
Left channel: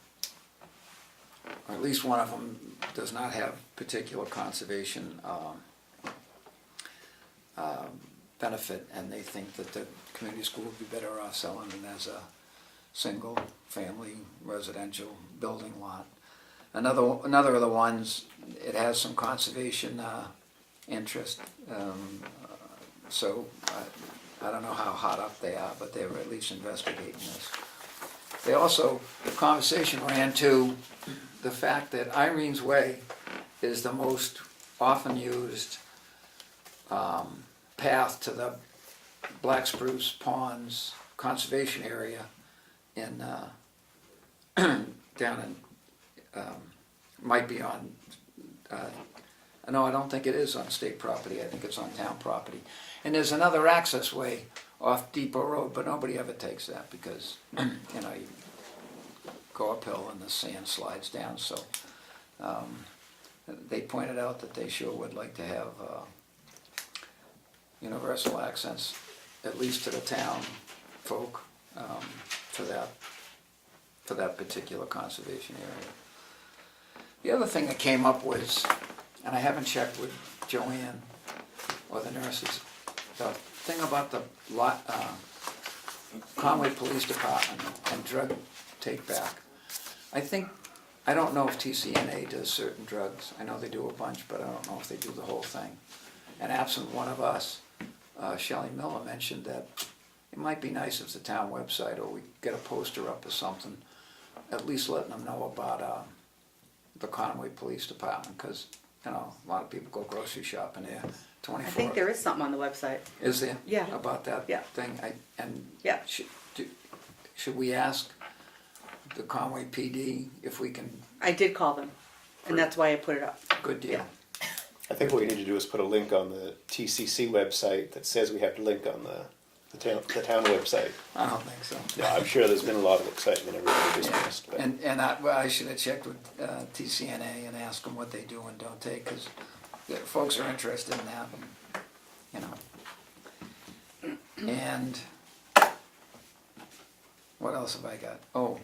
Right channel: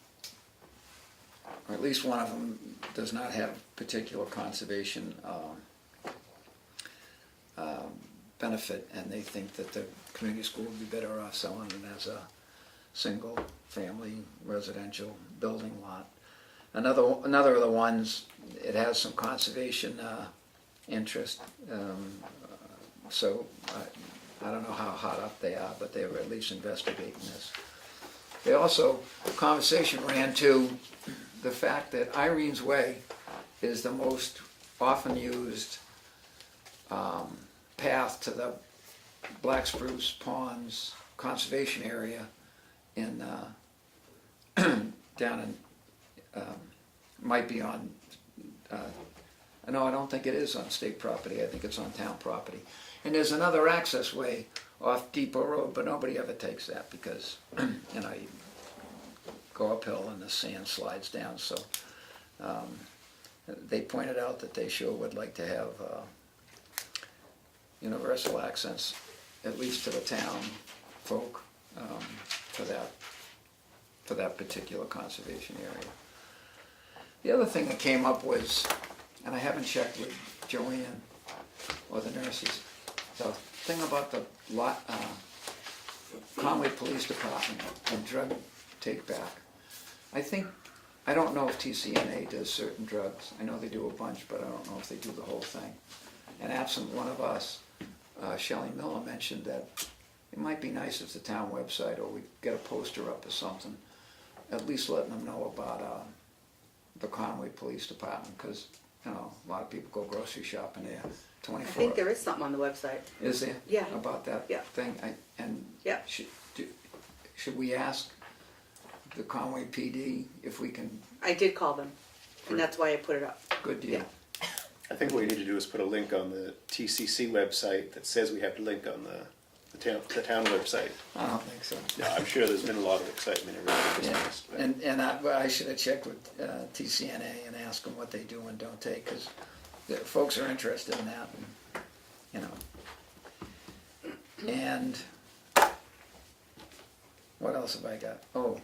or at least one of them does not have particular conservation benefit, and they think that the community school would be better off selling it as a single family residential building lot. Another of the ones, it has some conservation interest, so I don't know how hot up they are, but they were at least investigating this. They also, the conversation ran to the fact that Irene's Way is the most often used path to the Black Spruce Ponds conservation area in down in might be on no, I don't think it is on state property. I think it's on town property. And there's another access way off Depot Road, but nobody ever takes that because you know, you go uphill and the sand slides down. So they pointed out that they sure would like to have universal access, at least to the town folk, for that particular conservation area. The other thing that came up was, and I haven't checked with Joanne or the nurses, the thing about the Conway Police Department and drug take back. I don't know if TCNA does certain drugs. I know they do a bunch, but I don't know if they do the whole thing. And absent one of us, Shelley Miller mentioned that it might be nice if the town website, or we get a poster up or something, at least letting them know about the Conway Police Department, because you know, a lot of people go grocery shopping there 24. I think there is something on the website. Is there? Yeah. About that Yeah. thing? Yeah. Should we ask the Conway PD if we can? I did call them, and that's why I put it up. Good deal. Yeah. I think what we need to do is put a link on the TCC website that says we have to link on the town website. I don't think so. No, I'm sure there's been a lot of excitement everybody just missed. But And I should have checked with TCNA and asked them what they do and don't take, because folks are interested in that, and, you know. And what else have I got? Oh,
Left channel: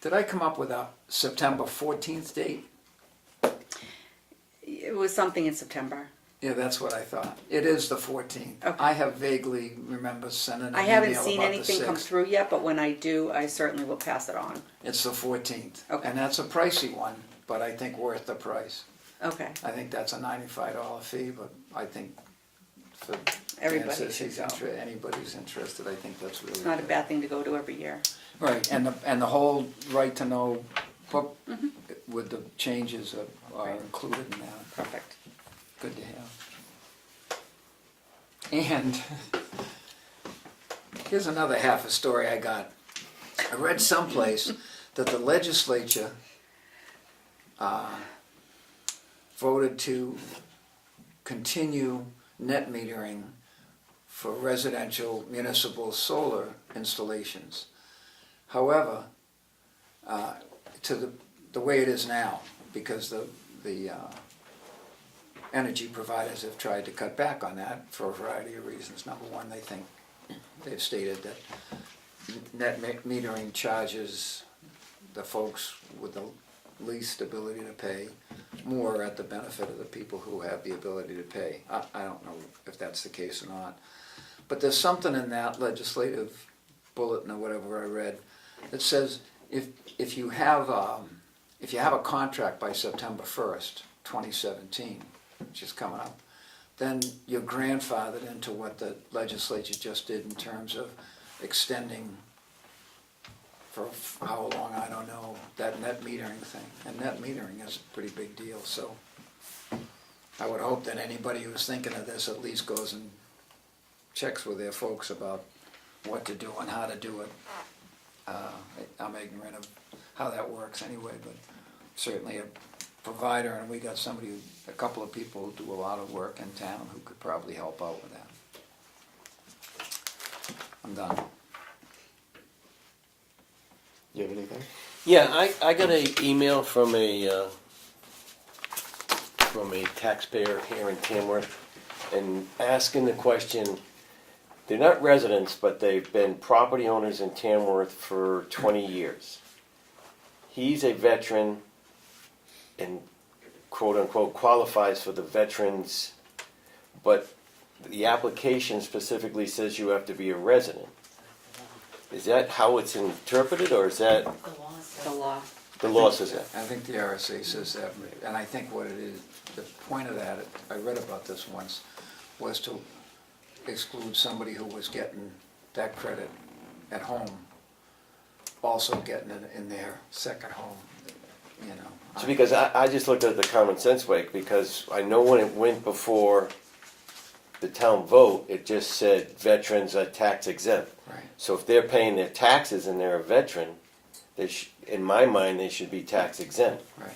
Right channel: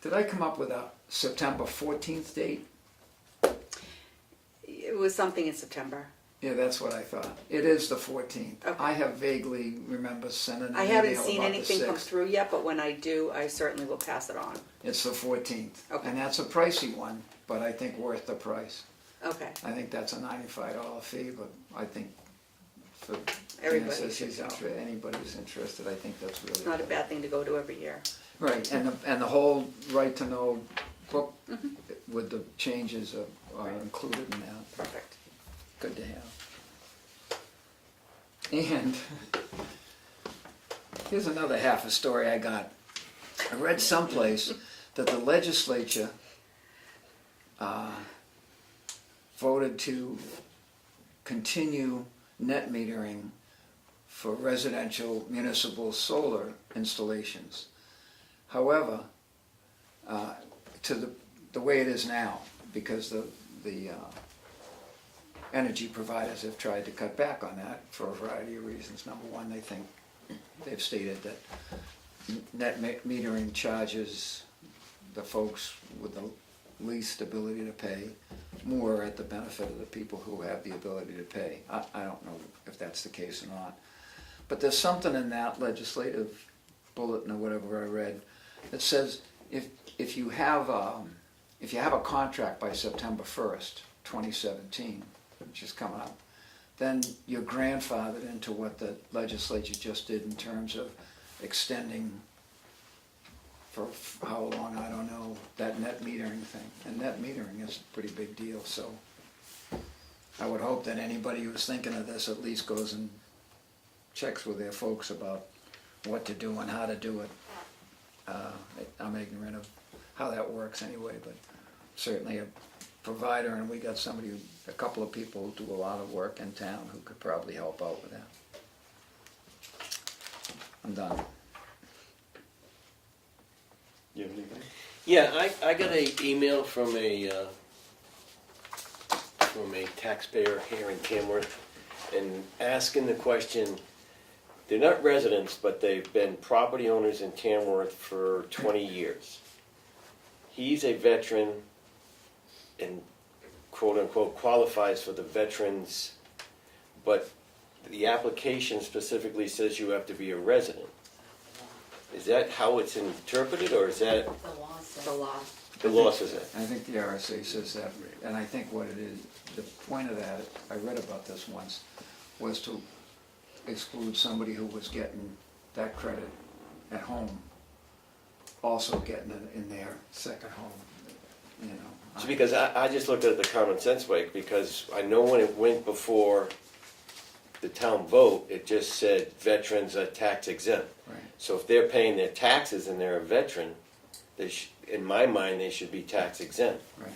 did I come up with a September 14th date? It was something in September. Yeah, that's what I thought. It is the 14th. Okay. I have vaguely remember sending an I email haven't seen about the anything come 6th. through yet, but when I do, I certainly will pass it on. It's the 14th. Okay. And that's a pricey one, but I think worth the price. Okay. I think that's a $95 fee, but I think for Dan Everybody says should he's go. Anybody's interested, I think that's really It's not a good. bad thing to go to every year. Right, and the whole right to know book with the changes are included in that. Perfect. Good to have. And here's another half a story I got. I read someplace that the legislature voted to continue net metering for residential municipal solar installations. However, to the way it is now, because the energy providers have tried to cut back on that for a variety of reasons. Number one, they think, they've stated that net metering charges the folks with the least ability to pay more at the benefit of the people who have the ability to pay. I don't know if that's the case or not. But there's something in that legislative bulletin or whatever I read that says if you have a contract by September 1st, 2017, which is coming up, then you're grandfathered into what the legislature just did in terms of extending for how long, I don't know, that net metering thing. And net metering is a pretty big deal, so I would hope that anybody who's thinking of this at least goes and checks with their folks about what to do and how to do it. I'm ignorant of how that works anyway, but certainly a provider, and we got a couple of people who do a lot of work in town who could probably help out with that. I'm done. You have anything? Yeah, I got an email from a taxpayer here in Tamworth, and asking the question. They're not residents, but they've been property owners in Tamworth for 20 years. He's a veteran and quote unquote qualifies for the veterans, but the application specifically says you have to be a resident. Is that how it's interpreted, or is that The law. the law says that? I think the RSA says that, and I think what it is, the point of that, I read about this once, was to exclude somebody who was getting that credit at home, also getting it in their second home, you know. So because I just looked at it the common sense way, because I know when it went before the town vote, it just said veterans are tax exempt. Right. So if they're paying their taxes and they're a veteran, in my mind, they should be tax exempt. Right.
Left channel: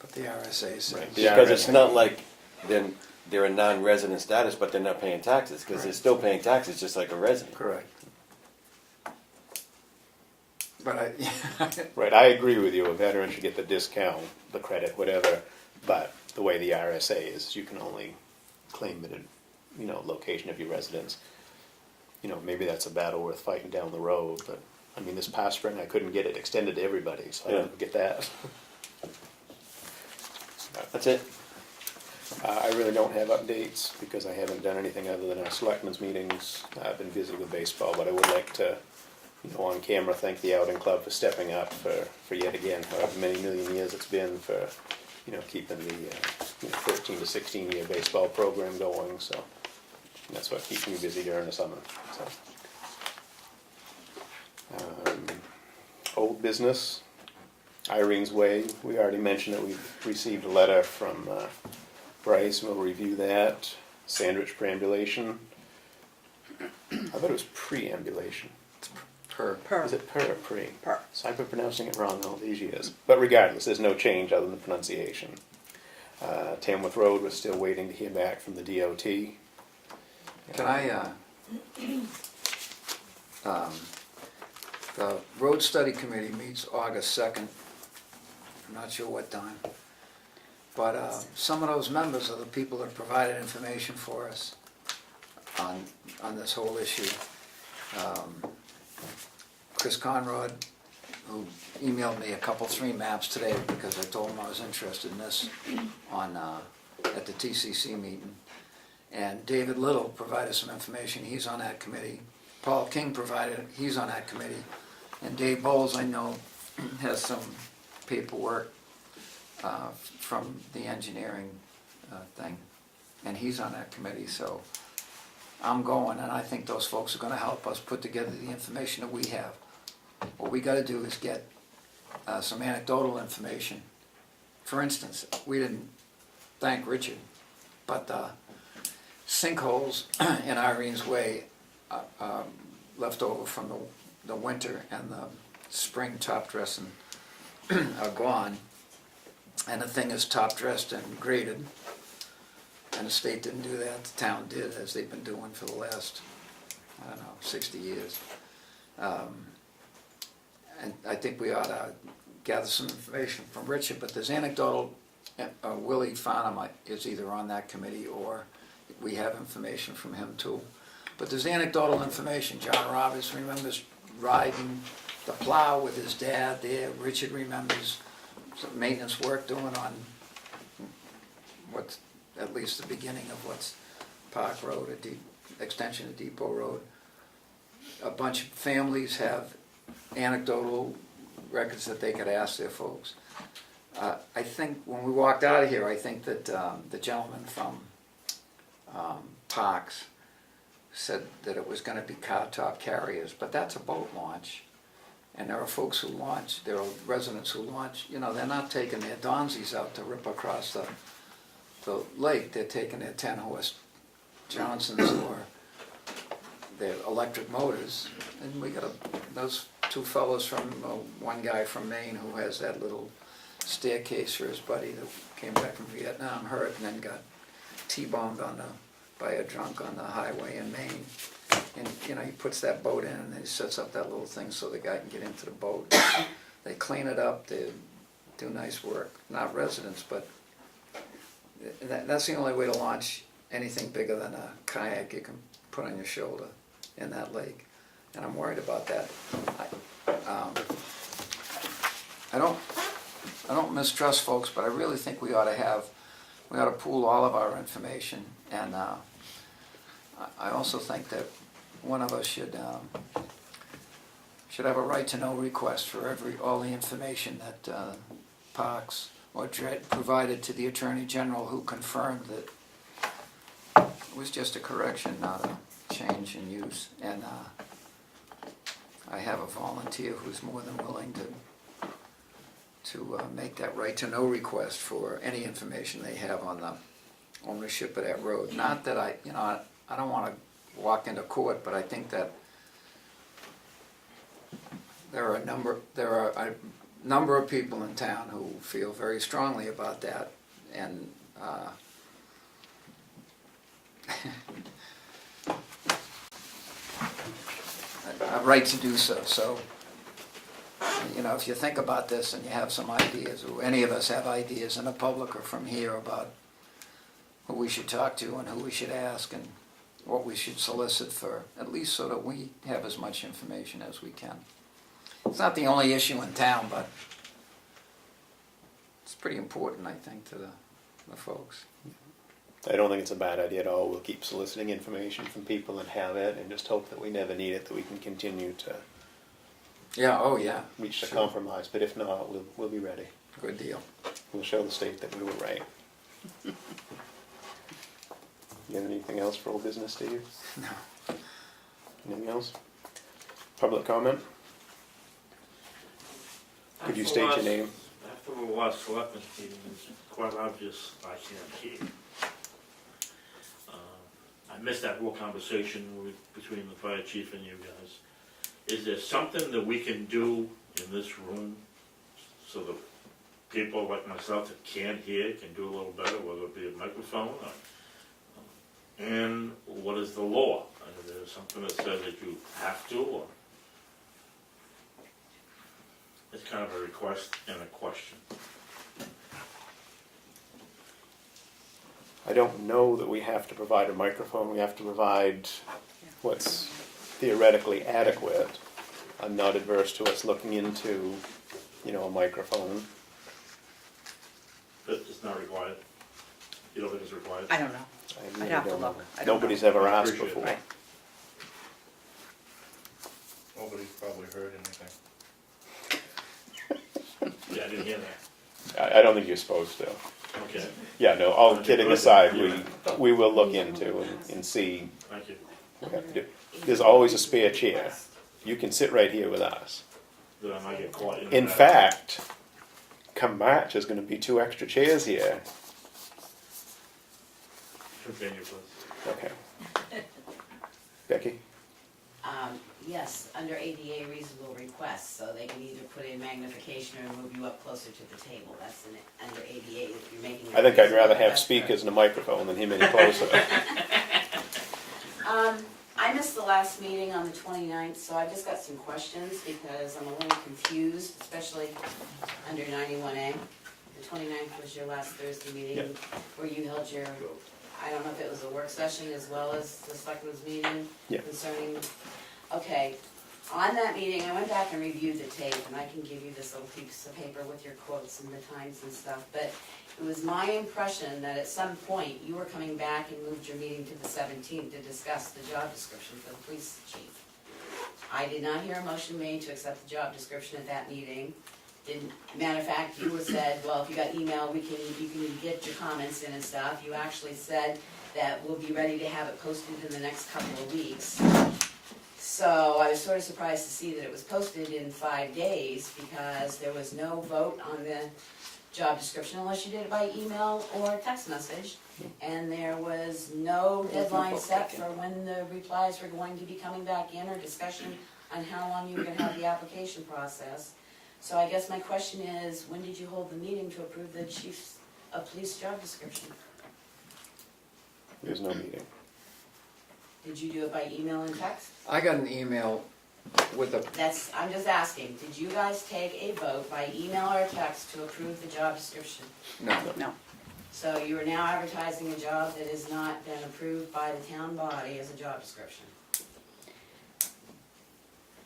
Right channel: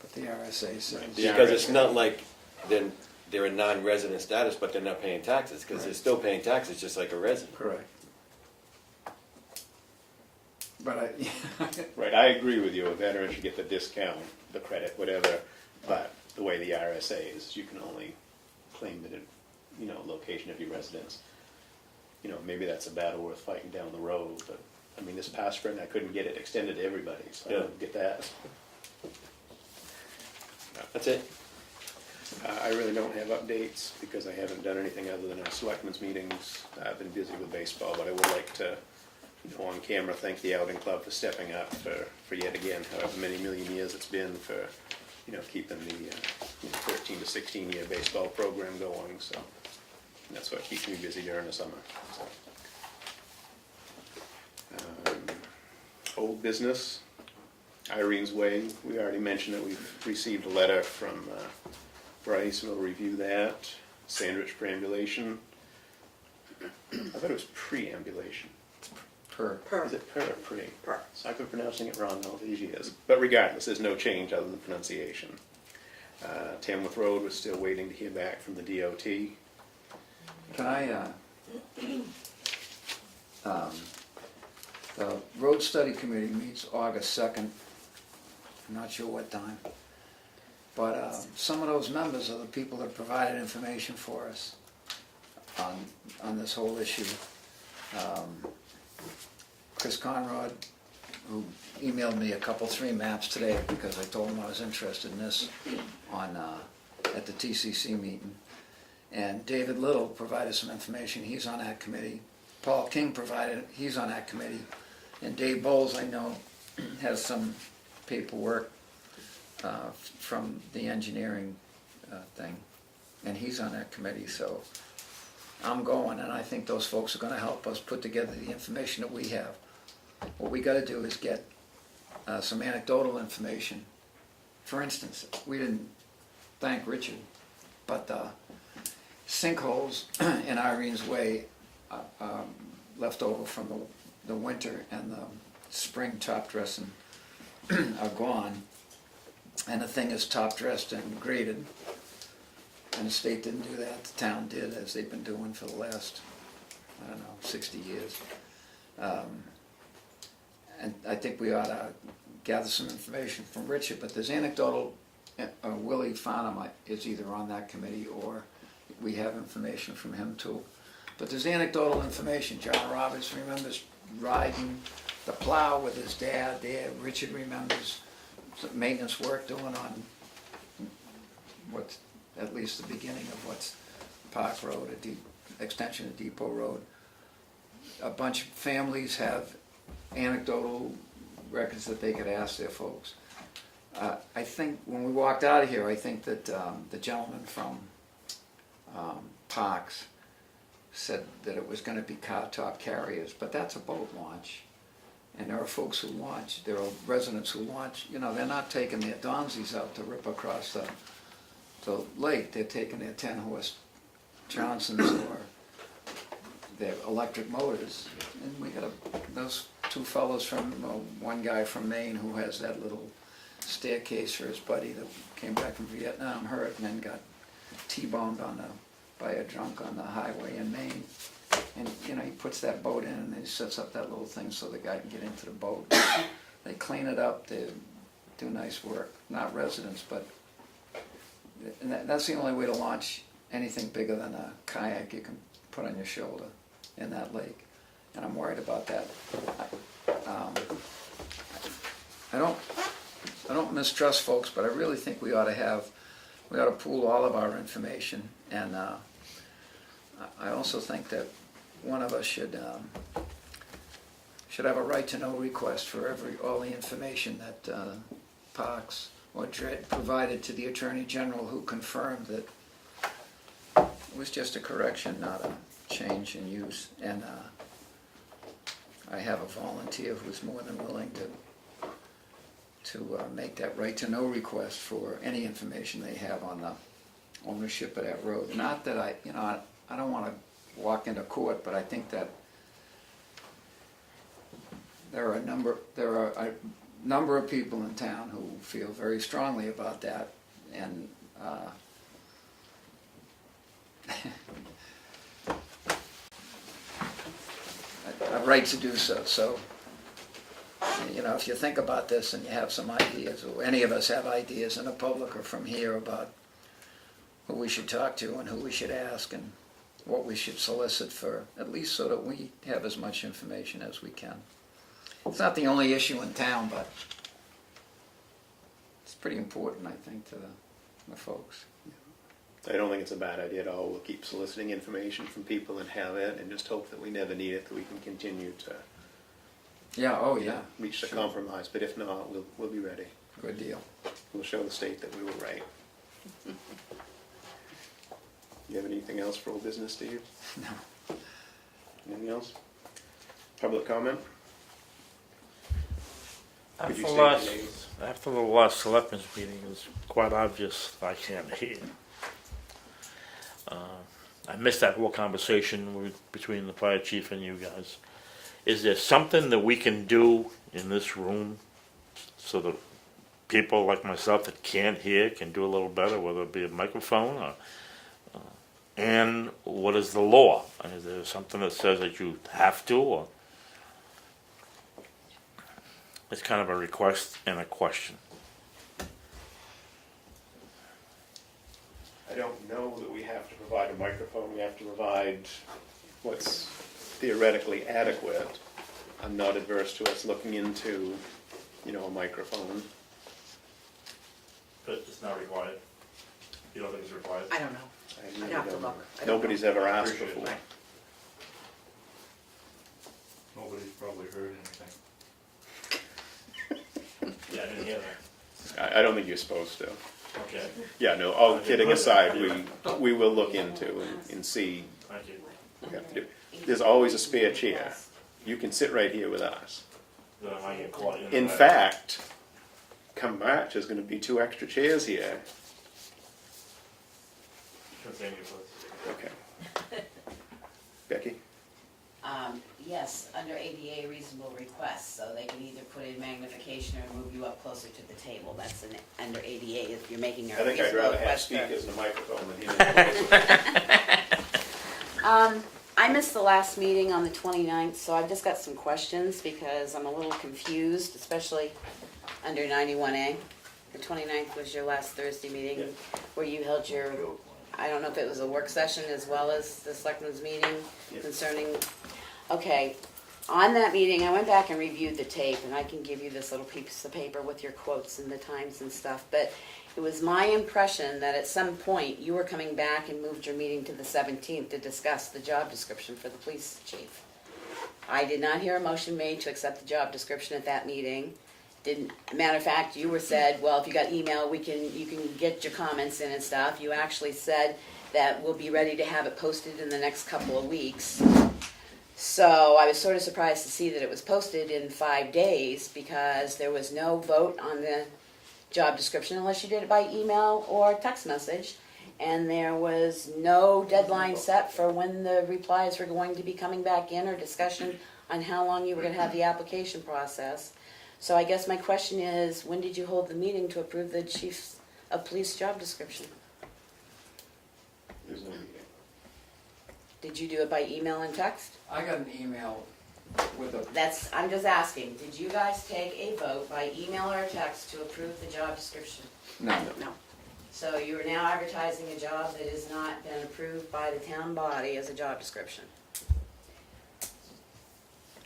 But the RSA says. Right. Because it's not like they're a non-resident status, but they're not paying taxes, because they're Right. still paying taxes just like a resident. Correct. But Right, I agree with you, a veteran should get the discount, the credit, whatever, but the way the RSA is, you can only claim it in, location of your residence. Maybe that's a battle worth fighting down the road, but, I mean, this past spring, I couldn't get it extended to everybody, so I don't get that. That's it. I really don't have updates, because I haven't done anything other than our selectmen's meetings. I've been busy with baseball, but I would like to, on camera, thank the Outing Club for stepping up for yet again, however many million years it's been, for, keeping the 13 to 16 year baseball program going, so that's what keeps me busy during the summer. So. Old business, Irene's Way, we already mentioned that we've received a letter from Bryce, we'll review that. Sandwich perambulation, I thought it was preambulation. per. Is it per or pre? Per. So I've been pronouncing it wrong all these years. But regardless, there's no change other than pronunciation. Tamworth Road, we're still waiting to hear back from the DOT. Can I, the road study committee meets August 2nd. I'm not sure what time. But some of those members are the people that provided information for us on this whole issue. Chris Conrad, who emailed me three maps today because I told him I was interested in this at the TCC meeting. And David Little provided some information, he's on that committee. Paul King he's on that committee. And Dave Bowles, I know, has some paperwork from the engineering thing. And he's on that committee, so I'm going, and I think those folks are gonna help us put together the information that we have. What we gotta do is get some anecdotal information. For instance, we didn't thank Richard, but sinkholes in Irene's Way left over from the winter and the spring top dressing are gone, and the thing is top dressed and graded, and the state didn't do that, the town did, as they've been doing for the last, 60 years. And I think we ought to gather some information from Richard, but there's anecdotal Willie Farnham is either on that committee or we have information from him too. But there's anecdotal information. John Roberts remembers riding the plow with his dad there. Richard remembers some maintenance work doing on what's at least the beginning of what's Park Road, extension of Depot Road. A bunch of families have anecdotal records that they could ask their folks. I think when we walked out of here, I think that the gentleman from Parks said that it was going to be car top carriers, but that's a boat launch. And there are folks who launch, there are residents who launch, they're not taking their Donzies out to rip across the lake. They're taking their 10-horse Johnsons or their electric motors. And we got those two fellows from, one guy from Maine who has that little staircase for his buddy that came back from Vietnam, hurt, and then got T-bombed by a drunk on the highway in Maine. And he puts that boat in and he sets up that little thing so the guy can get into the boat. They clean it up, they do nice work. Not residents, but that's the only way to launch anything bigger than a kayak you can put on your shoulder in that lake. And I'm worried about that. I don't mistrust folks, but I really think we ought to pool all of our information. And I also think that one of us should have a right to know request for all the information that Parks or DRED provided to the Attorney General, who confirmed that it was just a correction, not a change in use. And I have a volunteer who's more than willing to make that right to know request for any information they have on the ownership of that road. Not that I don't want to walk into court, but I think that there are a number of people in town who feel very strongly about that, and a right to do so. So, if you think about this and you have some ideas, or any of us have ideas in the public or from here about who we should talk to and who we should ask and what we should solicit for, at least so that we have as much information as we can. It's not the only issue in town, but it's pretty important, I think, to the folks. I don't think it's a bad idea at all. We'll keep soliciting information from people that have it and just hope that we never need it, that we can continue to reach a compromise. But if not, we'll be ready. Good deal. We'll show the state that we were right. You have anything else for old business, Steve? No. Anything else? Public comment? Could you state your name? After the last selectmen's meeting, it's quite obvious I can't hear. I missed that whole conversation between the fire chief and you guys. Is there something that we can do in this room so that people like myself that can't hear can do a little better, whether it be a microphone or, and what is the law? Is there something that says that you have to, or it's kind of a request and a question? I don't know that we have to provide a microphone. We have to provide what's theoretically adequate. I'm not adverse to us looking into, a microphone. But it's not required? You don't think it's required? I don't know. I I'd really have to don't know. look. I don't Nobody's know. ever asked Appreciate before. it. Nobody's probably heard anything. Yeah, I didn't hear that. I don't think you're supposed to. Okay, Yeah, no, all kidding aside, we will look into and see. thank you. There's always a spare chair. You can sit right here with us. Then I might get caught In that. fact, come March, there's going to be 2 extra chairs here. Continue, please. Okay. Becky? Yes, under ADA reasonable requests, so they can either put in magnification or move you up closer to the table. That's under ADA, if you're making your. I think I'd rather reasonable have request for- speakers and a microphone than him in closer. I missed the last meeting on the 29th, so I've just got some questions because I'm a little confused, especially under 91A. The 29th was your last Thursday meeting, Yeah. where you held your, I don't know if it was a work session as well as the selectmen's meeting Yeah. concerning, okay. On that meeting, I went back and reviewed the tape, and I can give you this little piece of paper with your quotes and the times and stuff, but it was my impression that at some point, you were coming back and moved your meeting to the 17th to discuss the job description for the police chief. I did not hear a motion made to accept the job description at that meeting. Didn't, matter of fact, you were said, well, if you got email, you can get your comments in and stuff. You actually said that we'll be ready to have it posted in the next couple of weeks. So I was sort of surprised to see that it was posted in 5 days, because there was no vote on the job description unless you did it by email or text message. And there was no deadline set for when the replies were going to be coming back in, or discussion on how long you were gonna have the application process. So I guess my question is, when did you hold the meeting to approve the chief of police job description? There's no meeting. Did you do it by email and text? I got an email with a, I'm just asking, did you guys take a vote by email or text to approve the job description? no, No. So you are now advertising a job that has not been approved by the town body as a job description.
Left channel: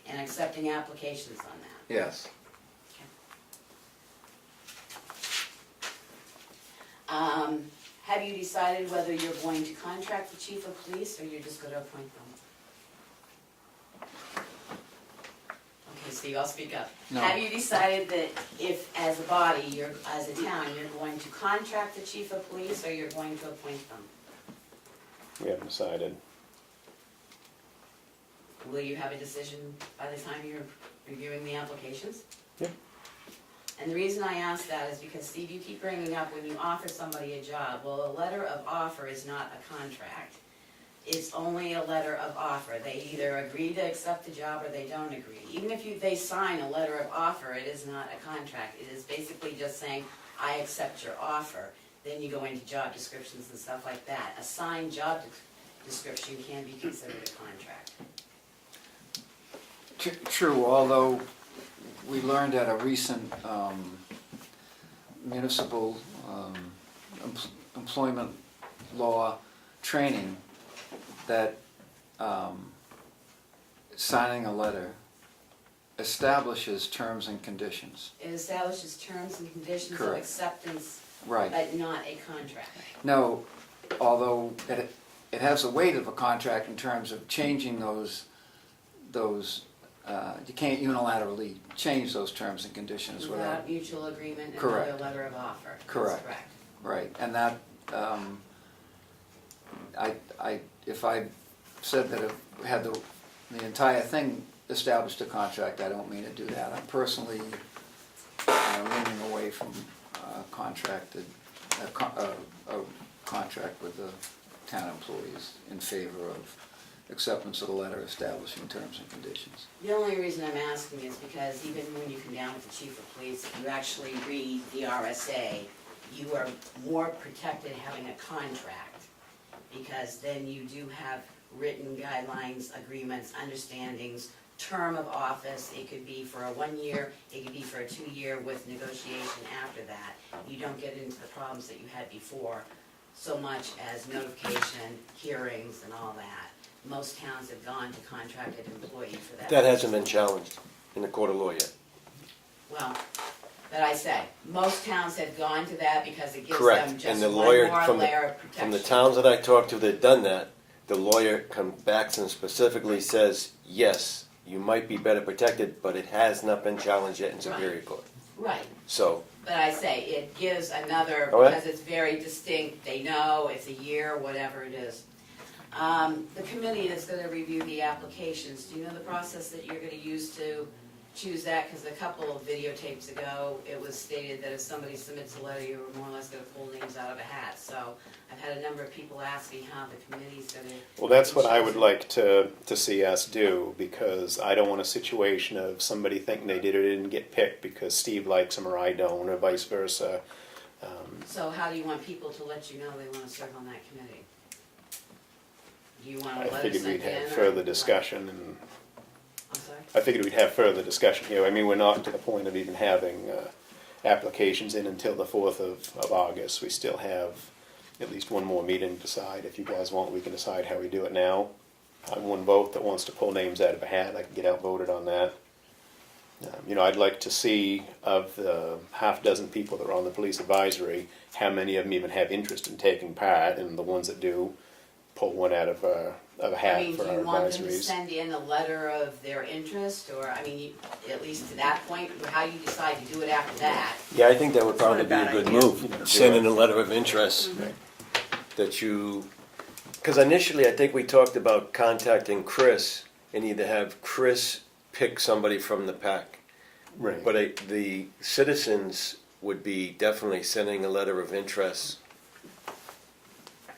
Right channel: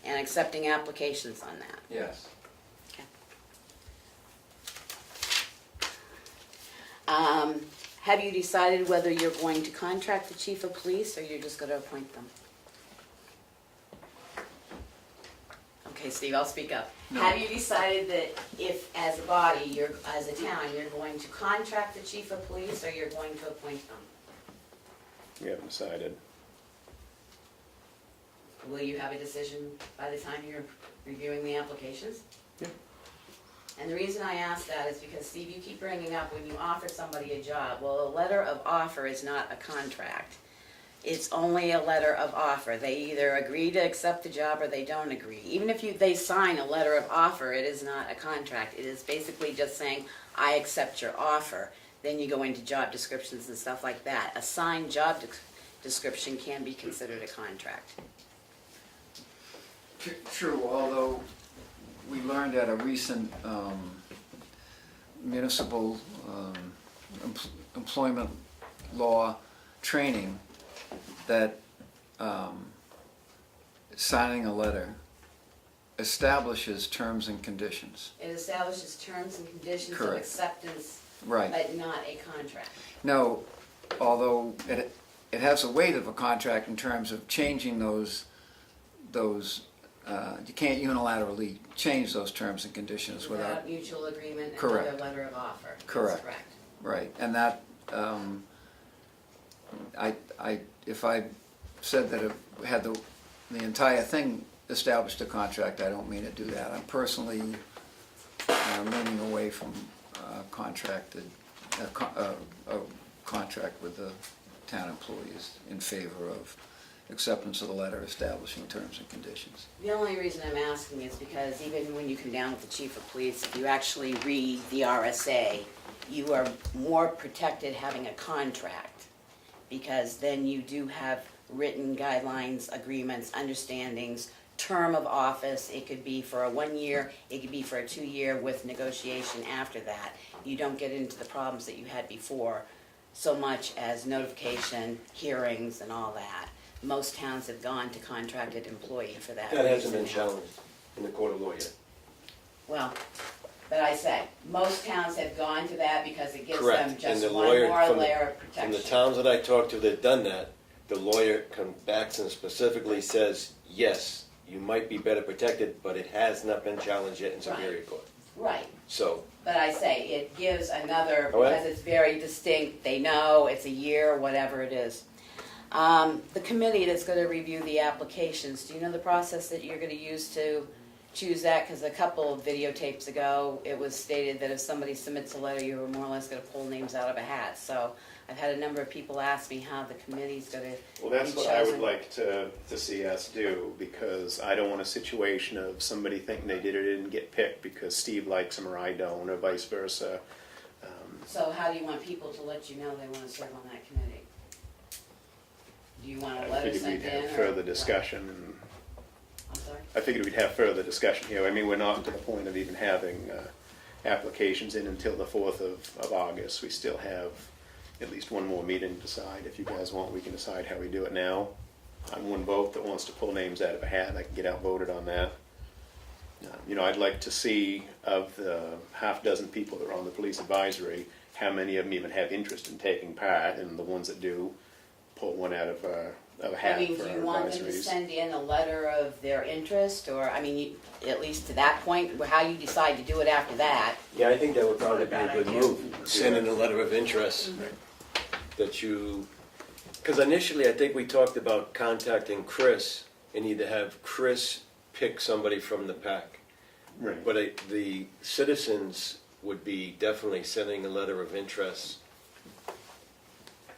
And accepting applications on that. yes. Have you decided whether you're going to contract the chief of police, or you're just gonna appoint them? Okay, Steve, I'll speak up. No. Have you decided that if, as a body, as a town, you're going to contract the chief of police, or you're going to appoint them? We haven't decided. Will you have a decision by the time you're reviewing the applications? Yeah. And the reason I ask that is because, Steve, you keep bringing up when you offer somebody a job, well, a letter of offer is not a contract. It's only a letter of offer. They either agree to accept the job or they don't agree. Even if they sign a letter of offer, it is not a contract. It is basically just saying, I accept your offer. Then you go into job descriptions and stuff like that. A signed job description can be considered a contract. True, although we learned at a recent municipal employment law training that signing a letter establishes terms and conditions. It establishes terms and conditions of Correct. acceptance, Right. but not a contract. No, although it has the weight of a contract in terms of changing those you can't unilaterally change those terms and conditions without. Without mutual agreement and Correct. another letter of offer. That's Correct. correct. Right, and that, if I said that it had the entire thing established a contract, I don't mean to do that. I'm personally leaning away from a contract with the town employees in favor of acceptance of the letter establishing terms and conditions. The only reason I'm asking is because even when you come down with the chief of police, if you actually read the RSA, you are more protected having a contract, because then you do have written guidelines, agreements, understandings, term of office. It could be for a 1 year, it could be for a 2 year with negotiation after that. You don't get into the problems that you had before, so much as notification, hearings, and all that. Most towns have gone to contracted employee for that. That hasn't been challenged in the court of law yet. Well, but I say, most towns have gone to that because it gives Correct. them And just the one lawyer more from layer of protection. From the towns that I talked to that done that, the lawyer comes back and specifically says, yes, you might be better protected, but it has not been challenged yet in Superior Court. Right, So, but I say, it gives another, All right. because it's very distinct, they know, it's a year, whatever it is. The committee that's gonna review the applications, do you know the process that you're gonna use to choose that? Because a couple of videotapes ago, it was stated that if somebody submits a letter, you were more or less gonna pull names out of a hat. So I've had a number of people ask me how the committee's gonna. Well, that's be what I would chosen. like to see us do, because I don't want a situation of somebody thinking they did or didn't get picked because Steve likes them or I don't, or vice versa. So how do you want people to let you know they wanna serve on that committee? Do you want a I letter figured sent we'd in? have or further what? discussion, and I'm sorry? I figured we'd have further discussion here. I mean, we're not to the point of even having applications in until the 4th of August. We still have at least one more meeting to decide. If you guys want, we can decide how we do it now. I'm one vote that wants to pull names out of a hat. I can get outvoted on that. I'd like to see, of the half dozen people that are on the police advisory, how many of them even have interest in taking part, and the ones that do, pull one out of a hat I mean, for do our you want them to advisories. send in a letter of their interest, or, I mean, at least to that point, how you decide to do it after that? Yeah, I think that would probably be a Not a good bad move, send in a letter of interest that you, because initially I think we talked about contacting Chris and either have Chris pick somebody from the pack. Right. But the citizens would be definitely sending a letter of interest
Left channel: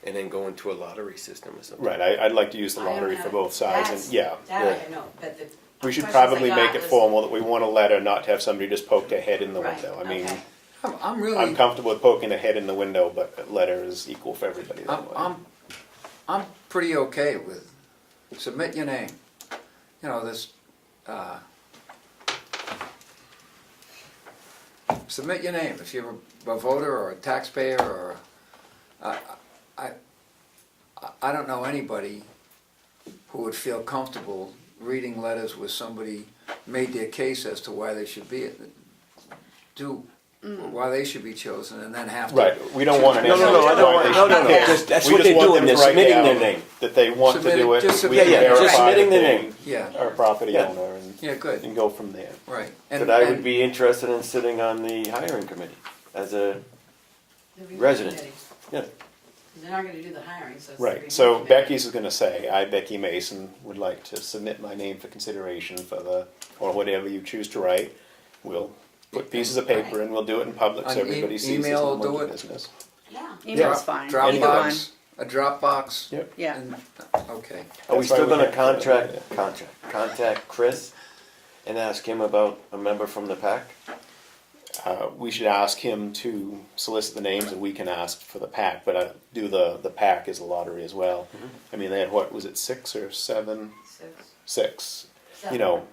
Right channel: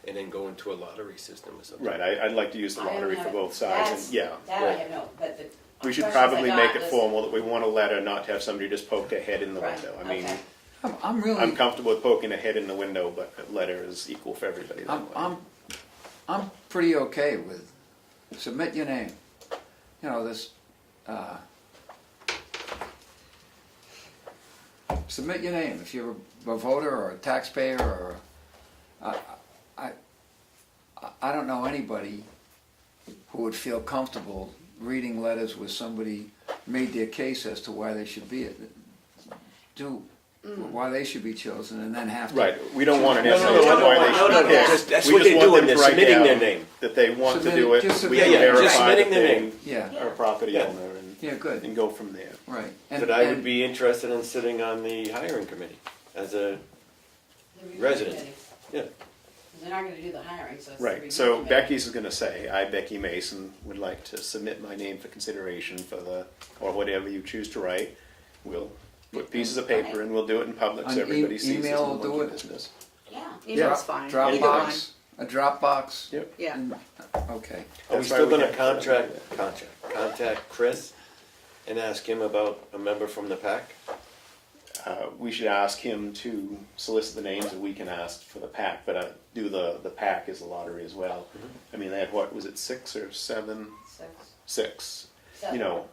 and then going to a lottery system or something. Right, I'd like to use the I don't lottery have- for both sides, that's- and yeah. That I know, but the We should questions probably I make got it was- formal that we want a letter, not to have somebody just poke their head in the Right, window. I mean, okay. I'm really, I'm comfortable with poking a head in the window, but a letter is equal for everybody that way. I'm pretty okay with, submit your name. This, submit your name. If you're a voter or a taxpayer or, I don't know anybody who would feel comfortable reading letters where somebody made their case as to why they should be, why they should be chosen, and then have to. Right, we don't want an No, essay. no, no, I don't why want- they no, no, should no, pick. just- that's We what just they're want doing, them they're to write submitting down their name. That they want Submit to do it- it, just we submit can it. Yeah, verify just submitting that the they name. Yeah, are a property Yeah. owner yeah, and good, go from there. right. But I would be interested in sitting on the hiring committee as a, The review Resident. committee. yeah. They're not gonna do the hiring, so it's the Right, review so committee. Becky's is gonna say, I, Becky Mason, would like to submit my name for consideration for or whatever you choose to write. We'll put pieces of paper and we'll do it in public so On everybody sees it's email a will do monkey it? business. Yeah. Email's fine. Dropbox, a Dropbox. Yep. Yeah. and- Okay. Are we That's why still we gonna have- contact Chris and ask him about a member from the pack? We should ask him to solicit the names and we can ask for the pack, but do the pack as a lottery as well. I mean, they had, what, was it 6 or 7? 6. So-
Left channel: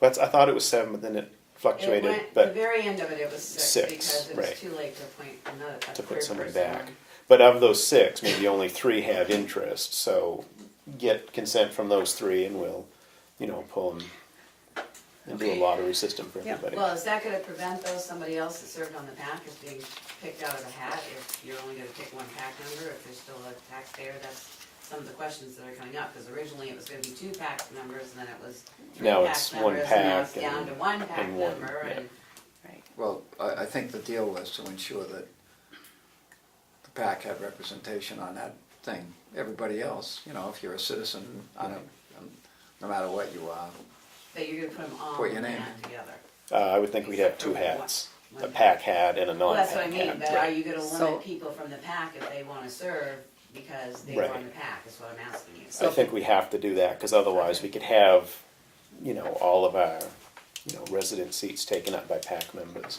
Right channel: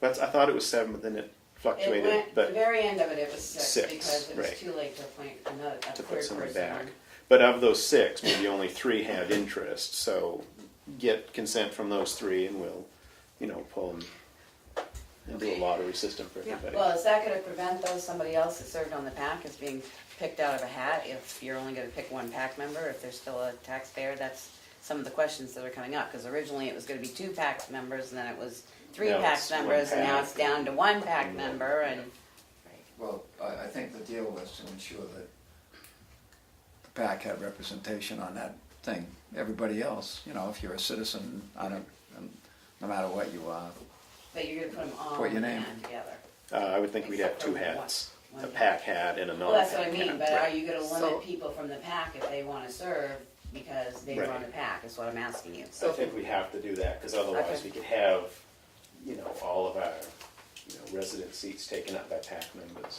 But I thought it was 7, but then it fluctuated, It went, the but very end of it was six, 6, because it was right. too late to appoint another, a to put third somebody person. back. But of those 6, maybe only 3 have interest, so get consent from those 3 and we'll, pull them and do a lottery system for Yeah. everybody. Well, is that gonna prevent though somebody else that served on the PAC as being picked out of a hat if you're only gonna pick one PAC member, if there's still a taxpayer? That's some of the questions that are coming up, because originally it was gonna be 2 PAC members, and then it was 3 Now PAC it's one members, and now PAC it's down and- to 1 PAC and one. member, and, Well, I think the deal was to ensure that the PAC had representation on that thing. Everybody else, if you're a citizen, no matter what you are. but you're gonna put them all Put in your the name. hat together. I would think we'd have Except 2 for hats, one a PAC. PAC hat and a Well, non-PAC that's what I mean, hat. but are you gonna So- limit people from the PAC if they wanna serve because they were Right. on the PAC, is what I'm asking you. I think we have to do that, because otherwise we could have, all of our, resident seats taken up by PAC members.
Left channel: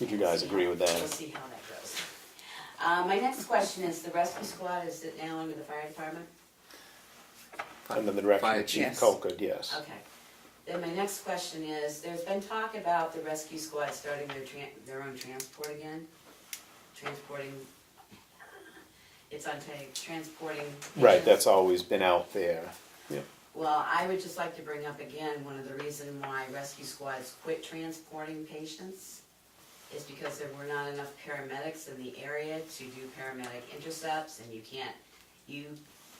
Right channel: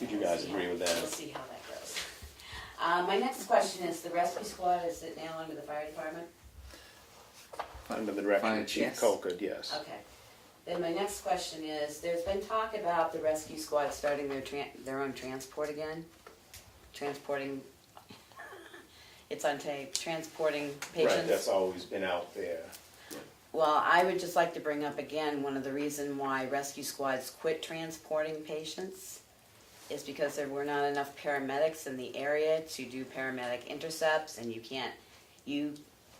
Would you guys agree with We'll that? see how that goes. My next question is, the rescue squad, is it now under the fire department? Under the direction Fire of Chief chief. Colquitt, yes. Okay. Then my next question is, there's been talk about the rescue squad starting their own transport again? Transporting, it's on tape, transporting patients? Right, that's always been out there. Well, I would just like to bring up again, one of the reasons why rescue squads quit transporting patients is because there were not enough paramedics in the area to do paramedic intercepts, and you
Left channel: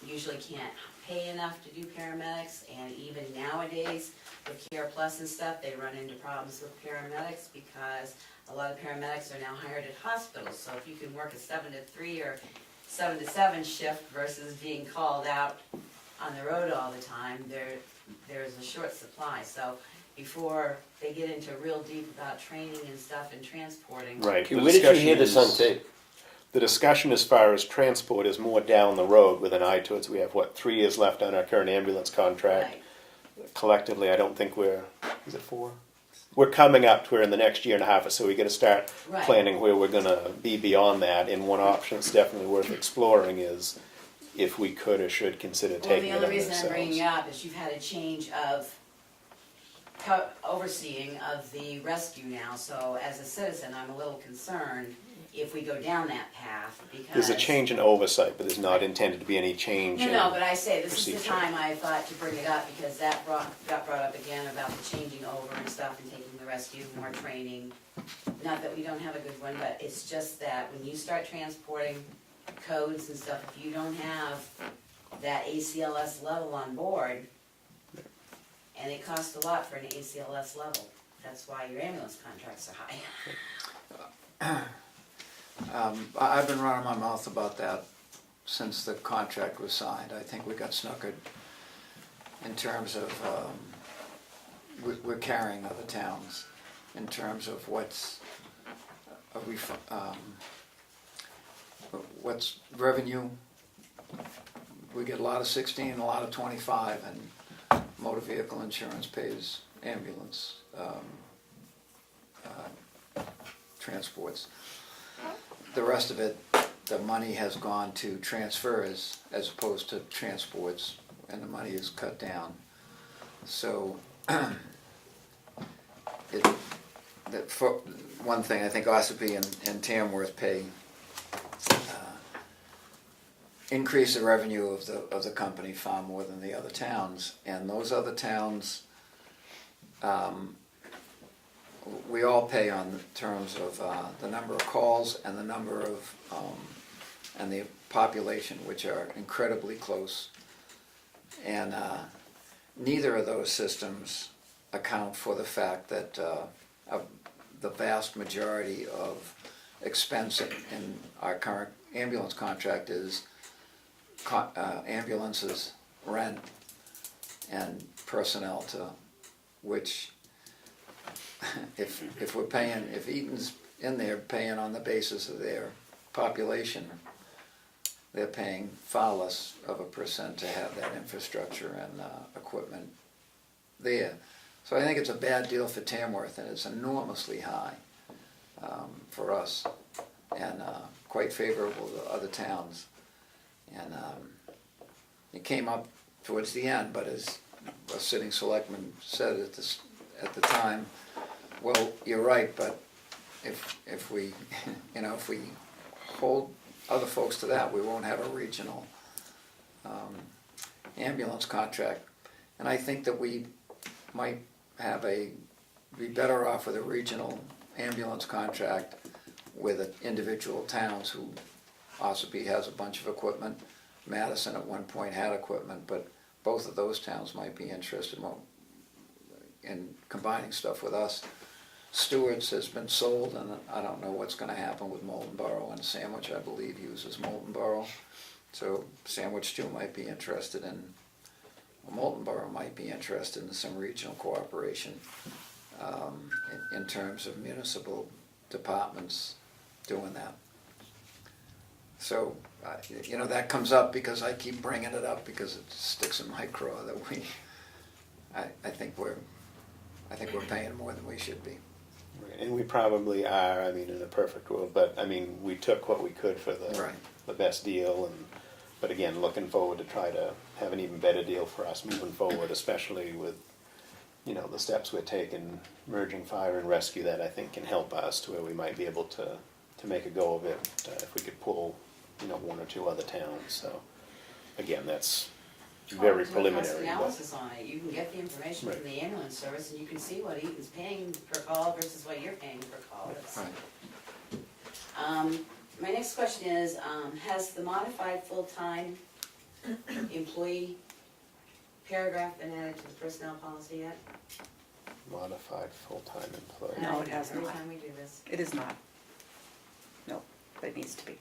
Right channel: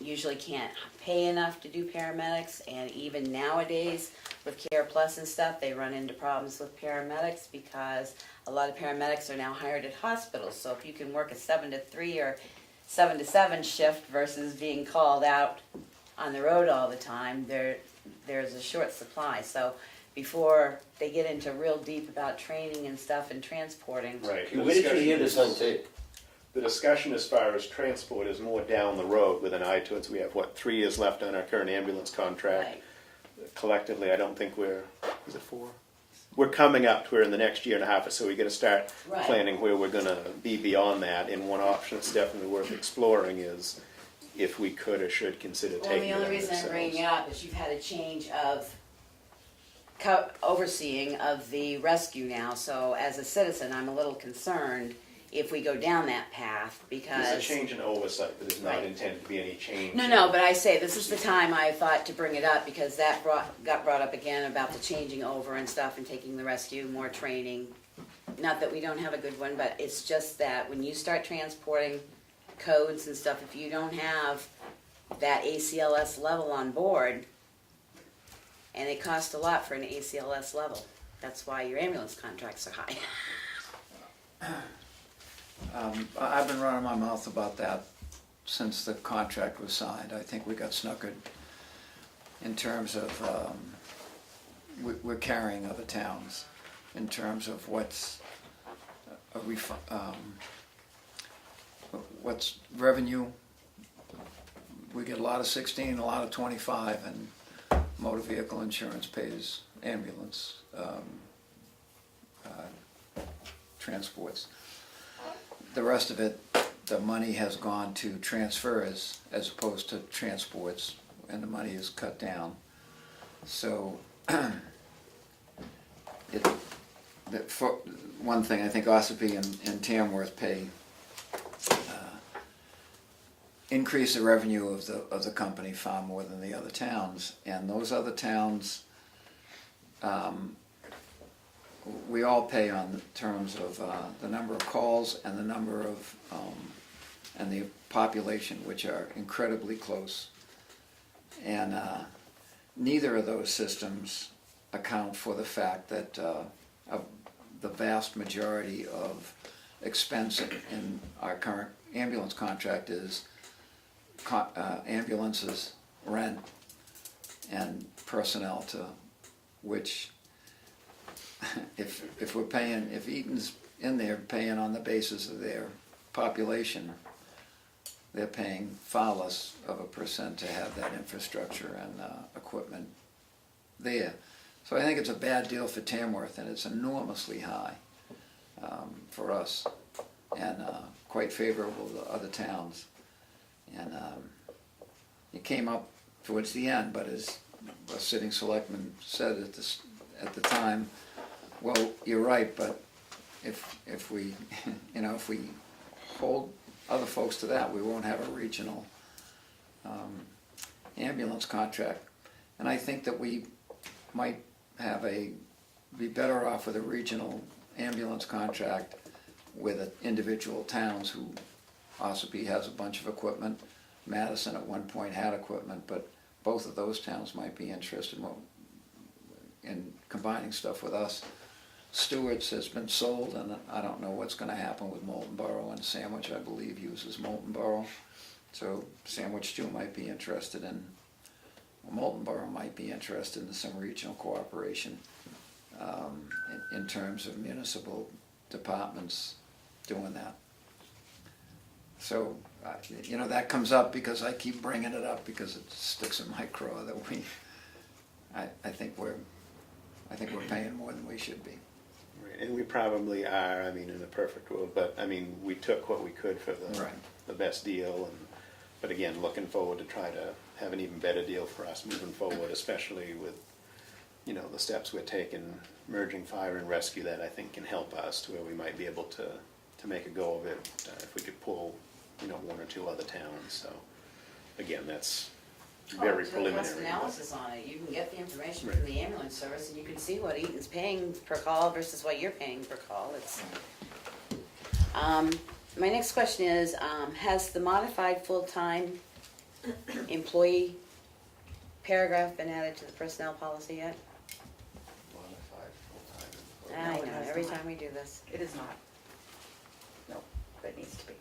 usually can't pay enough to do paramedics, and even nowadays with Care Plus and stuff, they run into problems with paramedics because a lot of paramedics are now hired at hospitals, so if you can work a 7 to 3 or 7 to 7 shift versus being called out on the road all the time, there's a short supply. So before they get into real deep about training and stuff and transporting. Right. Okay, the where did you hear discussion this on is- tape? The discussion as far as transport is more down the road with an eye towards, we have, 3 years left on our current ambulance contract. Right. Collectively, I don't think is it 4? We're coming up to where in the next year and a half or so, we gotta start Right. planning where we're gonna be beyond that. And one option that's definitely worth exploring is if we could or should consider Well, taking the it only on reason I'm bringing it ourselves. up is you've had a change of overseeing of the rescue now, so as a citizen, I'm a little concerned if we go down that path, because. There's a change in oversight, but there's not Right. intended to be any change. No, but I say this is the procedure. time I thought to bring it up, because that got brought up again about the changing over and stuff and taking the rescue, more training. Not that we don't have a good one, but it's just that when you start transporting codes and stuff, if you don't have that ACLS level on board, and it costs a lot for an ACLS level, that's why your ambulance contracts are high. I've been running my mouth about that since the contract was signed. I think we got snookered in terms of, we're carrying other towns in terms of what's revenue. We get a lot of 16, a lot of 25, and motor vehicle insurance pays ambulance transports. The rest of it, the money has gone to transfers as opposed to transports, and the money is cut down. So, for one thing, I think Ossipee and Tamworth pay increase the revenue of the company far more than the other towns, and those other towns, we all pay on terms of the number of calls and the number of and the population, which are incredibly close, and neither of those systems account for the fact that the vast majority of expense in our current ambulance contract is ambulances, rent, and personnel, to which if we're paying, if Eaton's in there paying on the basis of their population, they're paying far less of a percent to have that infrastructure and equipment there. So I think it's a bad deal for Tamworth, and it's enormously high for us, and quite favorable to other towns. And it came up towards the end, but as a sitting selectman said at the time, well, you're right, but if we if we hold other folks to that, we won't have a regional ambulance contract. And I think that we might be better off with a regional ambulance contract with individual towns who. Ossipee has a bunch of equipment. Madison at one point had equipment, but both of those towns might be interested in combining stuff with us. Stewart's has been sold, and I don't know what's going to happen with Molten Borough, and Sandwich, I believe, uses Molten Borough. So Sandwich too might be interested in, Molten Borough might be interested in some regional cooperation in terms of municipal departments doing that. So, that comes up because I keep bringing it up because it sticks in my craw that I think we're paying more than we should be. Right, and we probably are, in a perfect world, but, we took what we could for the best deal, but again, looking forward to try to have an even better deal for us moving forward, especially with, the steps we're taking, merging fire and rescue, that I think can help us to where we might be able to make a go of it if we could pull, one or two other towns. So, again, that's very preliminary. Cost analysis on it. You can get the information from the ambulance service, and you can see what Eaton's paying per call versus what you're paying per call. My next question is, has the modified full-time employee paragraph been added to the personnel policy yet? Modified full-time employee. No, it has Every not. time we do this. It is not. No, but it needs to be.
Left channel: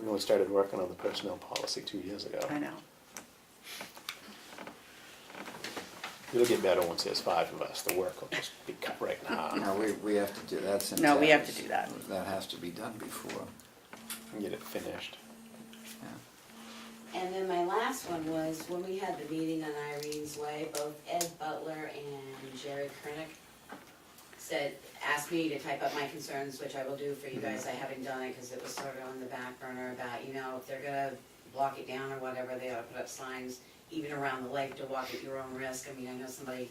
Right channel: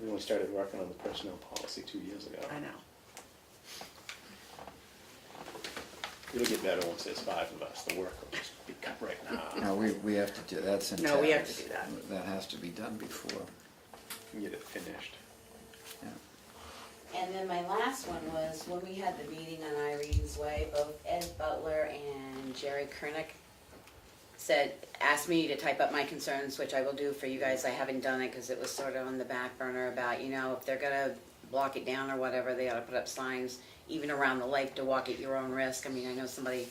We only started working on the personnel policy 2 years ago. I know. It'll get better once there's 5 of us. The work will just be cut right in half. No, we have to do that's in No, we have tax. to do that. That has to be done before. And get it finished. And then my last one was when we had the meeting on Irene's Way, both Ed Butler and Jerry Kernick asked me to type up my concerns, which I will do for you guys. I haven't done it because it was sort of on the back burner about, if they're gonna block it down or whatever, they ought to put up signs even around the lake to walk at your own risk. I know somebody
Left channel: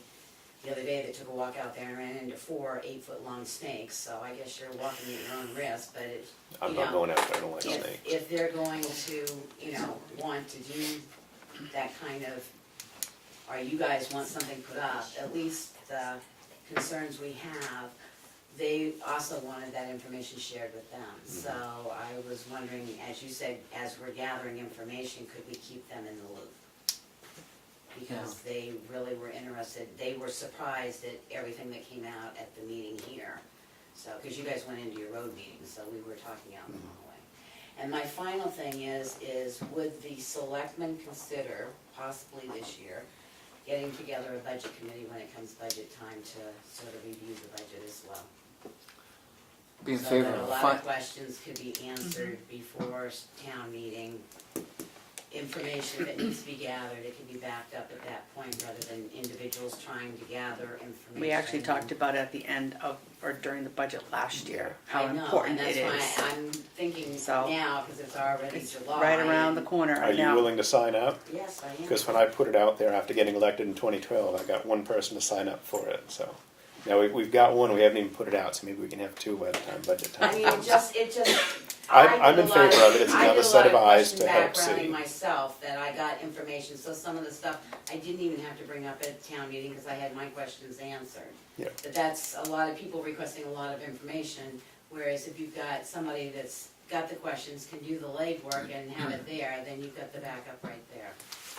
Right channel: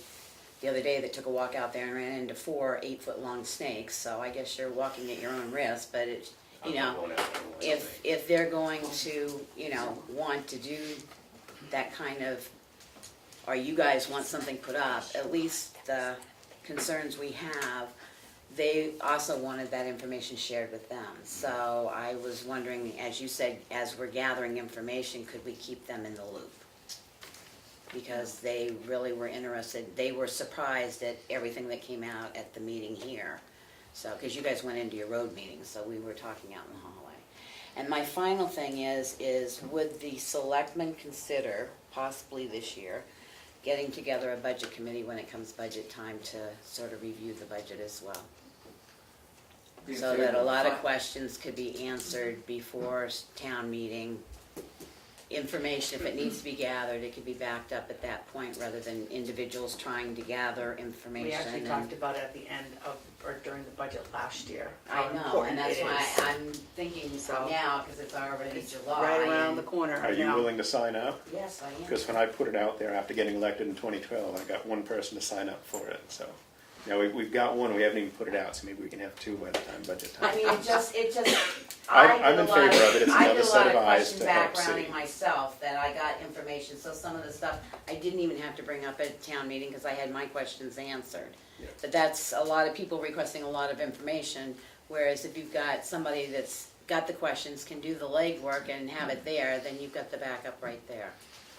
the other day that took a walk out there and ran into 4 8-foot-long snakes, so I guess you're walking at your own risk, but it's, I'm you not know, going after a wild snake. if they're going to, you know, want to do that kind of, or you guys want something put up, at least the concerns we have, they also wanted that information shared with them. So I was wondering, as you said, as we're gathering information, could we keep them in the loop? Because they really were interested, they were surprised at everything that came out at the meeting here. So, because you guys went into your road meeting, so we were talking out in the hallway. And my final thing is would the selectmen consider, possibly this year, getting together a budget committee when it comes budget time to sort of review the budget as well? Be in So favor that a of lot fi- of questions could be answered before town meeting. Information, if it needs to be gathered, it could be backed up at that point rather than individuals trying to gather information. We actually and- talked about it at the end of, or during the budget last year, how I know, and important that's it why is. I'm thinking So- now, because it's already It's July. right around the corner Are you now. willing to sign up? Yes, I am. Because when I put it out there after getting elected in 2012, I got one person to sign up for it, so. Now, we've got one, we haven't even put it out, so maybe we can have 2 by the time budget I time. mean, it just, I'm in favor of it. It's another set of eyes to help I did a lot of question backgrounding see. myself, that I got information, so some of the stuff I didn't even have to bring up at town meeting, because I had my questions answered. Yeah. But that's a lot of people requesting a lot of information, whereas if you've got somebody that's got the questions, can do the legwork and have it there, then you've got the backup right there.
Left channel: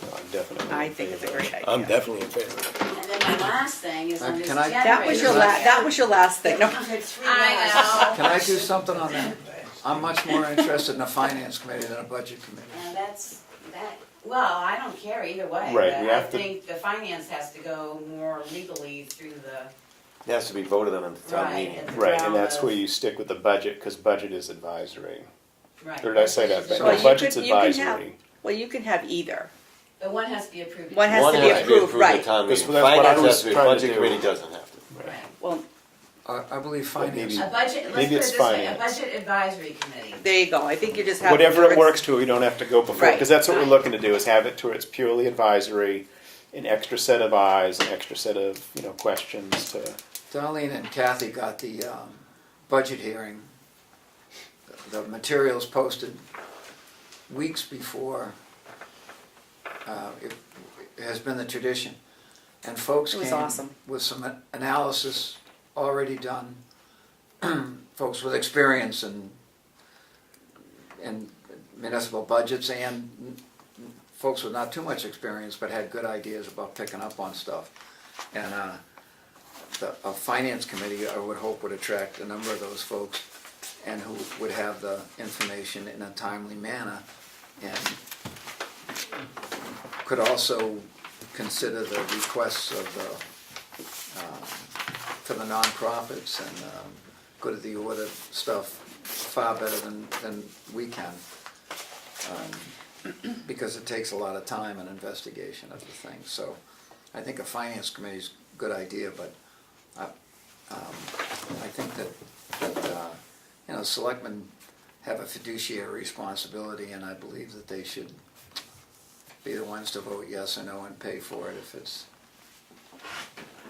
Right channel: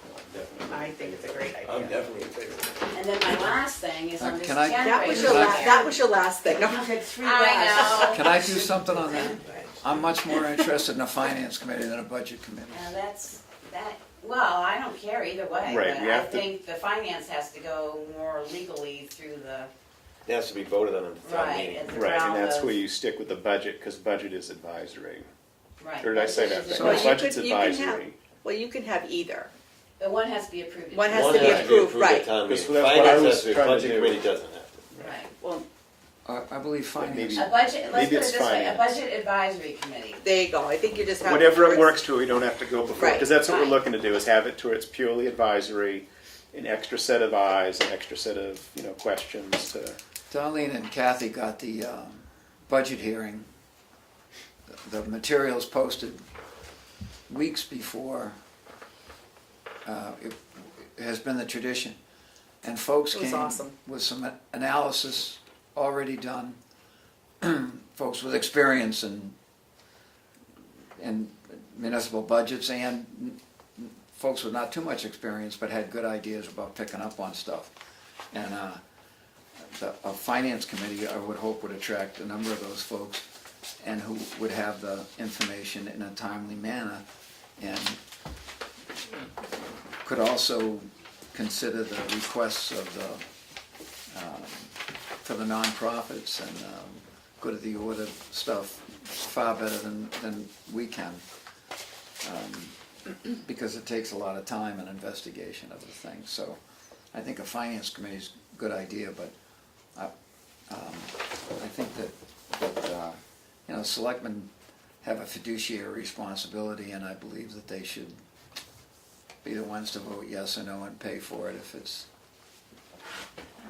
No, I'm definitely. I think it's a great idea. I'm definitely in favor of it. And then my last thing is on this Can I- That was your generator. that was your last thing. No, I know. Can I do something on that? I'm much more interested in a finance committee than a budget committee. Now well, I don't care either way, Right, but we I have to- think the finance has to go more legally through the, It has to be voted on at the town right, meeting. at the Right, and realm that's of- where you stick with the budget, because budget is advisory. right. Or did I say that? So Well, No, you budget's you can have- advisory. well, you can have either. But one has to be approved. One has One to be has to be approved, approved at right? town Because meeting. that's what I Finance was has to be, trying to budget do. committee doesn't have to. Right. Well, I believe finance. maybe- A budget, let's put Maybe it it's this way, a finance. budget advisory committee. there you go. I think you just have Whatever it works to, we don't have to go before, Right, because that's what we're right. looking to do, is have it to where it's purely advisory, an extra set of eyes, an extra set of, questions to. Darlene and Kathy got the budget hearing, the materials posted weeks before. It has been the tradition. And folks It was came awesome. with some analysis already done. Folks with experience in municipal budgets, and folks with not too much experience but had good ideas about picking up on stuff. And a finance committee, I would hope, would attract a number of those folks, and who would have the information in a timely manner, and could also consider the requests of the for the nonprofits and good of the order stuff far better than we can, because it takes a lot of time and investigation of the thing. So I think a finance committee is a good idea, but I think that selectmen have a fiduciary responsibility, and I believe that they should be the ones to vote yes or no and pay for it if it's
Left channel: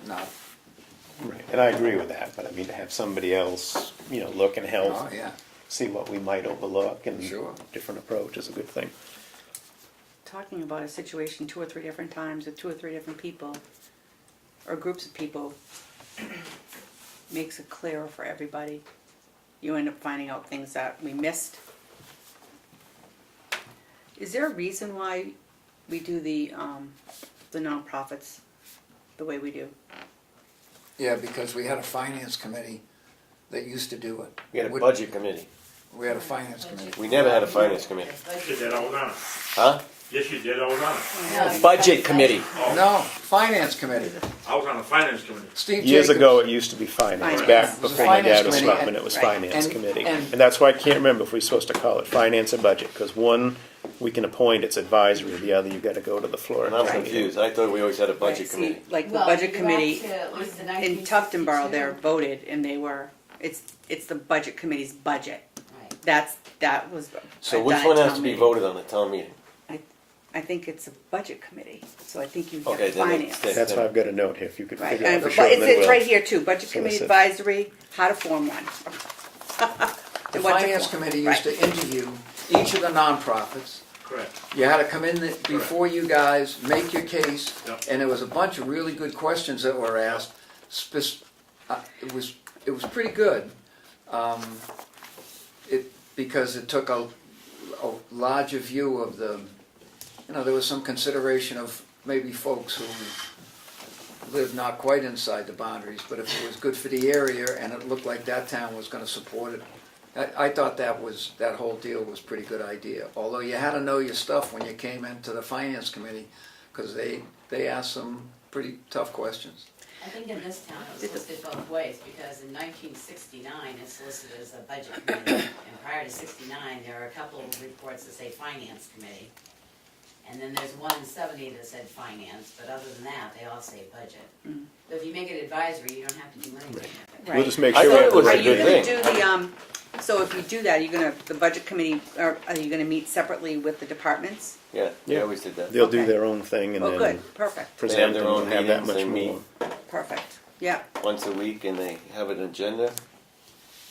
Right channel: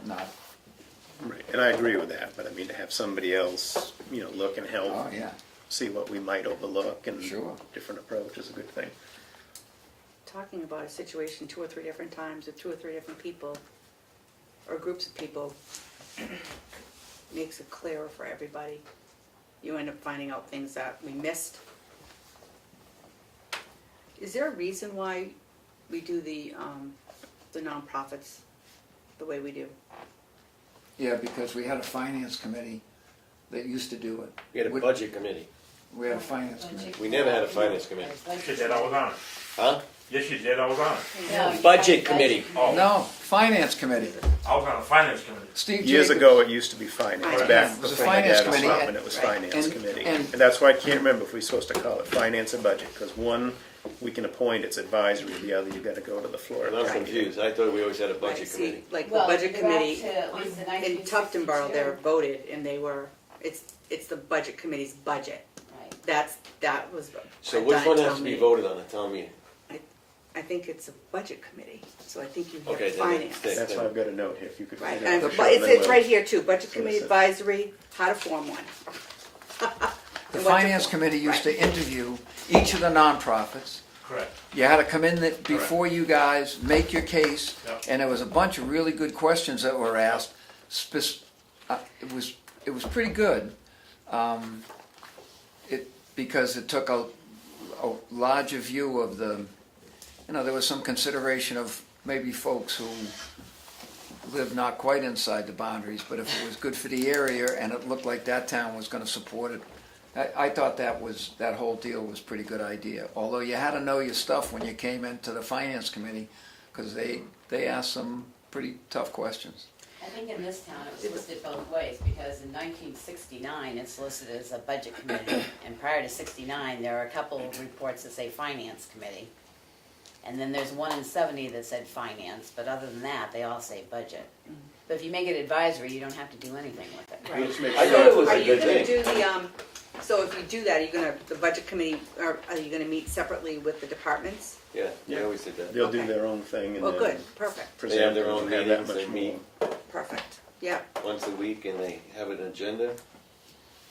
not. Right, and I agree with that, but I mean, to have somebody else, look and help, Oh, yeah. see what we might overlook, and Sure. different approach is a good thing. talking about a situation 2 or 3 different times with 2 or 3 different people or groups of people makes it clearer for everybody. You end up finding out things that we missed. Is there a reason why we do the nonprofits the way we do? Yeah, because we had a finance committee that used to do it. We had a budget committee. We had a finance committee. We never had a finance committee. She did, I was on it. Huh? Yes, you did, I was on it. No, Budget committee. Oh, No, finance committee. I was on the finance committee. Steve Years Jacobs. ago, it used to be finance, Finance. back It was a before my finance dad was committee, selectman, and- it was right, finance and- committee. and- And that's why I can't remember if we're supposed to call it finance or budget, because one, we can appoint, it's advisory, the other, you gotta go to the floor. And I'm confused. I thought we always had a budget Right, committee. see, like the Well, budget you go committee back to at least the in Tuftonboro, 1962. they're voted and they were, it's the budget committee's budget. Right. That was So done which at one has town to be meeting. voted on at town meeting? I think it's a budget committee, so I think you Okay, have then finance. That's why I've got a note here, if you could Right, figure out and for but sure. then it's we'll- right here too, budget So committee it's a- advisory, how to form one. The And what to finance form. committee used Right. to interview each of the nonprofits. Correct. You had to come in before you guys, make your case, Yep. and there was a bunch of really good questions that were asked. It was pretty good. Because it took a larger view of the, there was some consideration of maybe folks who live not quite inside the boundaries, but if it was good for the area and it looked like that town was going to support it, I thought that whole deal was a pretty good idea. Although you had to know your stuff when you came into the finance committee, because they asked some pretty tough questions. I think in this town it was listed both ways, because in 1969 it's listed as a budget committee, and prior to 69 there are a couple of reports that say finance committee. And then there's one in 70 that said finance, but other than that, they all say budget. But if you make it advisory, you don't have to do anything with it. We'll just make I sure. thought it was Are a you good gonna thing. do the, so if you do that, the budget committee, are you gonna meet separately with the departments? Yeah, they Yeah. always did that. They'll do Okay. their own thing and Oh, then good, perfect, They have present their and own have that meetings, much they meet more. perfect, yeah. once a week and they have an agenda.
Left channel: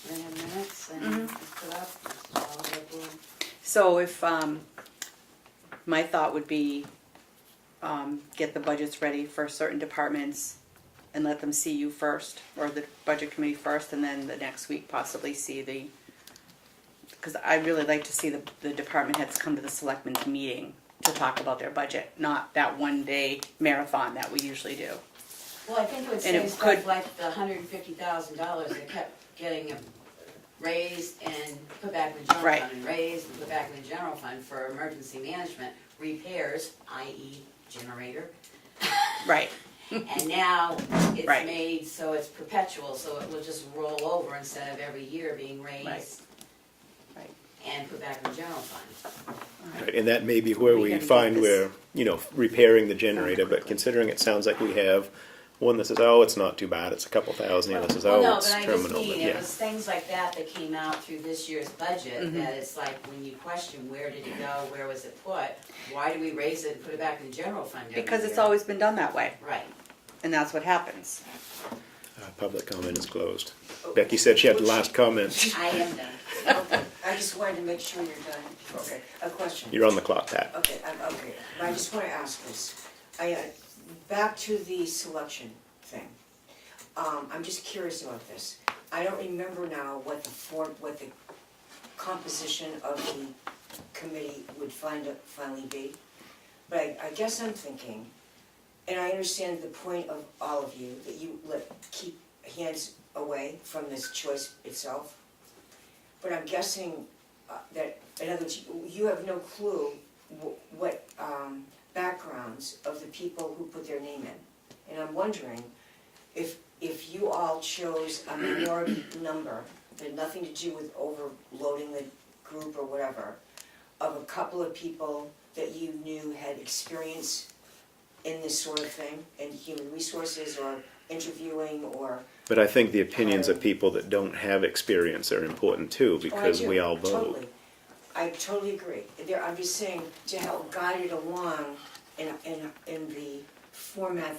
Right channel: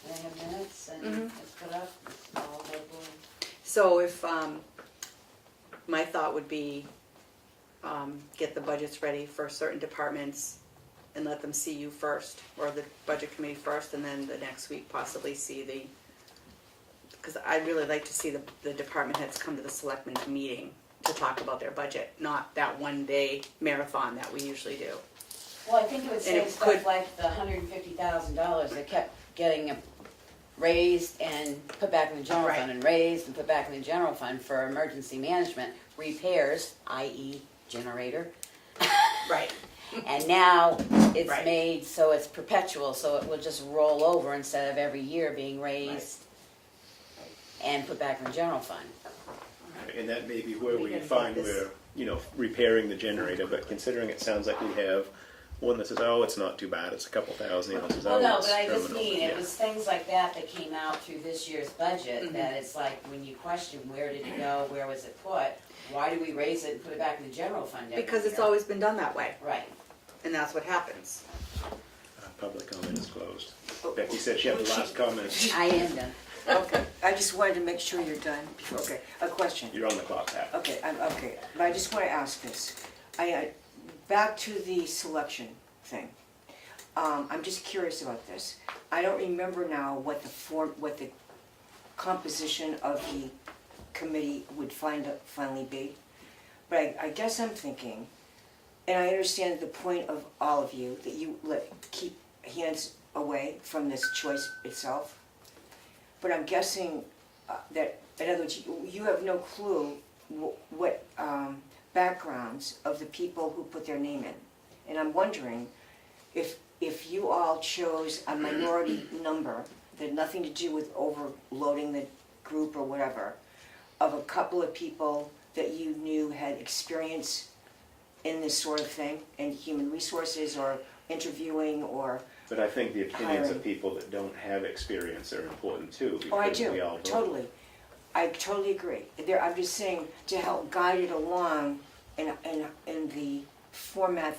And they have minutes and Mhm. it's put up, it's all go through. So if, my thought would be, get the budgets ready for certain departments and let them see you first, or the budget committee first, and then the next week possibly see because I'd really like to see the department heads come to the selectmen's meeting to talk about their budget, not that one day marathon that we usually do. Well, I think it would And say it stuff could- like the $150,000 that kept getting raised and put back in the general Right. fund, and raised and put back in the general fund for emergency management, repairs, i.e. generator. Right. And now it's Right. made so it's perpetual, so it will just roll over instead of every year being raised Right. and put back in the general fund. Right, and that may be where We we can find get this. we're, repairing the generator, but considering it sounds like we have one that says, oh, it's not too bad, it's a couple thousand, and this says, Well, oh, no, it's but I just terminal, mean, but it yeah. was things like that that came out through this year's budget, Mhm. that it's like, when you question where did it go, where was it put, why do we raise it and put it back in the general fund every year? Because it's always been done that way, Right. and that's what happens. Public comment is closed. Becky said she had the last comment. I am done. Okay, I just wanted to make sure you're done. Okay, a question. You're on the clock, Pat. Okay, okay, but I just want to ask this. Back to the selection thing. I'm just curious about this. I don't remember now what the composition of the committee would finally be. But I guess I'm thinking, and I understand the point of all of you, that you keep hands away from this choice itself. But I'm guessing that, in other words, you have no clue what backgrounds of the people who put their name in. And I'm wondering if you all chose a minority number that had nothing to do with overloading the group or whatever, of a couple of people that you knew had experience in this sort of thing, in human resources or interviewing or... But I think the opinions of Hiring. people that don't have experience are important too, Oh, I because do, we all vote. totally. I totally agree. I'm just saying, to help guide it along in the format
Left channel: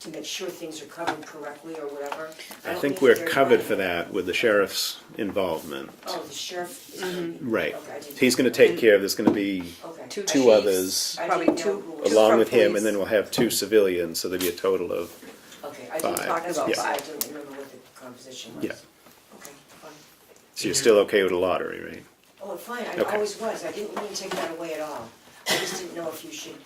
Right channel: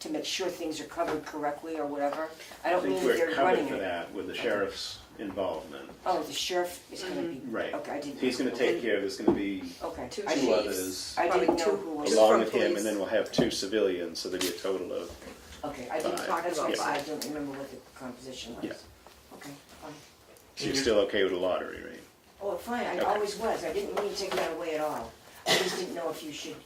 to make sure things are covered correctly or whatever. I don't think mean we're they're covered running for it. that with the sheriff's involvement. Oh, the sheriff is gonna be... Right. Okay, I didn't... He's gonna take care of, there's gonna be Okay. Two two chiefs. others I Probably didn't know two- who was... along from with him, police. and then we'll have two civilians, so there'll be a total of, Okay, I didn't Five. talk about Yeah. five, I don't remember what the composition was. Yeah. Okay, fine. so you're still okay with a lottery, right? Oh, fine, I Okay. always was, I didn't mean to take that away at all. I just didn't know if you should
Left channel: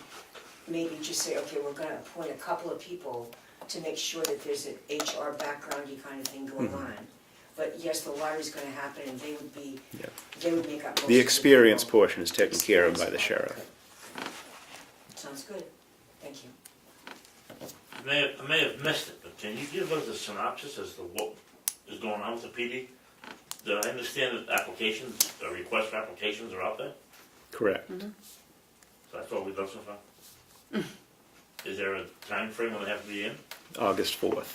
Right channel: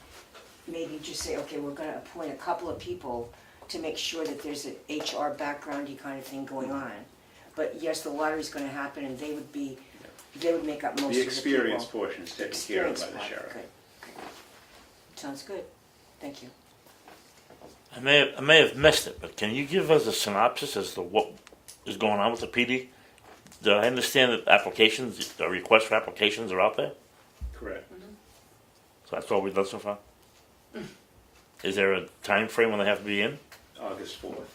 maybe just say, okay, we're gonna appoint a couple of people to make sure that there's an HR backgroundy kind of thing going on. But yes, the lottery's gonna happen and they would be, Yeah. they would make up most of The experience people. portion is taken care of by the Experience sheriff. part, okay. Sounds good, thank you. I may have missed it, but can you give us a synopsis as to what is going on with the PD? Do I understand that applications, the request for applications are out there? Correct. So that's all we've done so far? Is there a time frame when they have to be in? August 4th.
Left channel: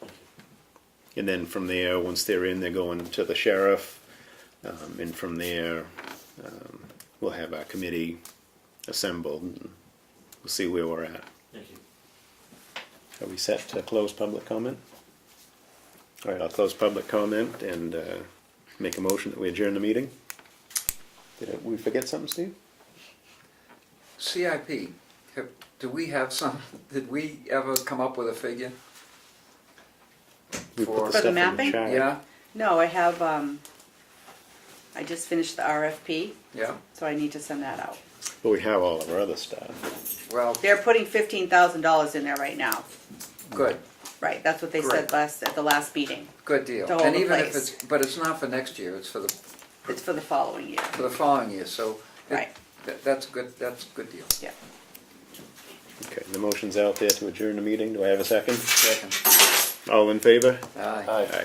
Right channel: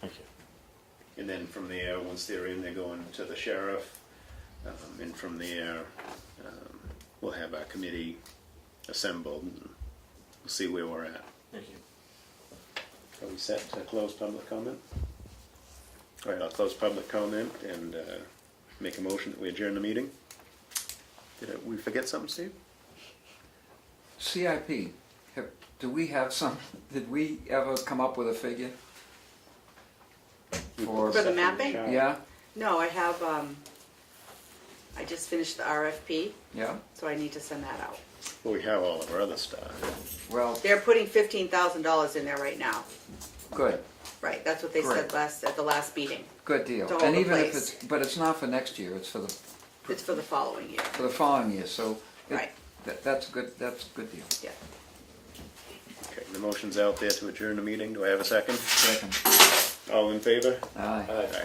Thank you. And then from there, once they're in, they're going to the sheriff. And from there, we'll have our committee assembled, and we'll see where we're at. Thank you. Are we set to close public comment? All right, I'll close public comment and make a motion that we adjourn the meeting. Did we forget something, Steve? CIP, do we have some, did we ever come up with a figure? We put For the stuff in mapping? chat. Yeah, No, I have, I just finished the RFP, yeah, so I need to send that out. But we have all of our other stuff. well, They're putting $15,000 in there right now. good, Right, that's what they said Great. at the last meeting. good deal. To hold And the even if place. it's, but it's not for next year, it's for It's for the following year. the following year, so. Right. That's a good deal. Yeah. Okay, the motion's out there to adjourn the meeting. Do I have a second? Second. All in favor? Aye. Aye. Aye.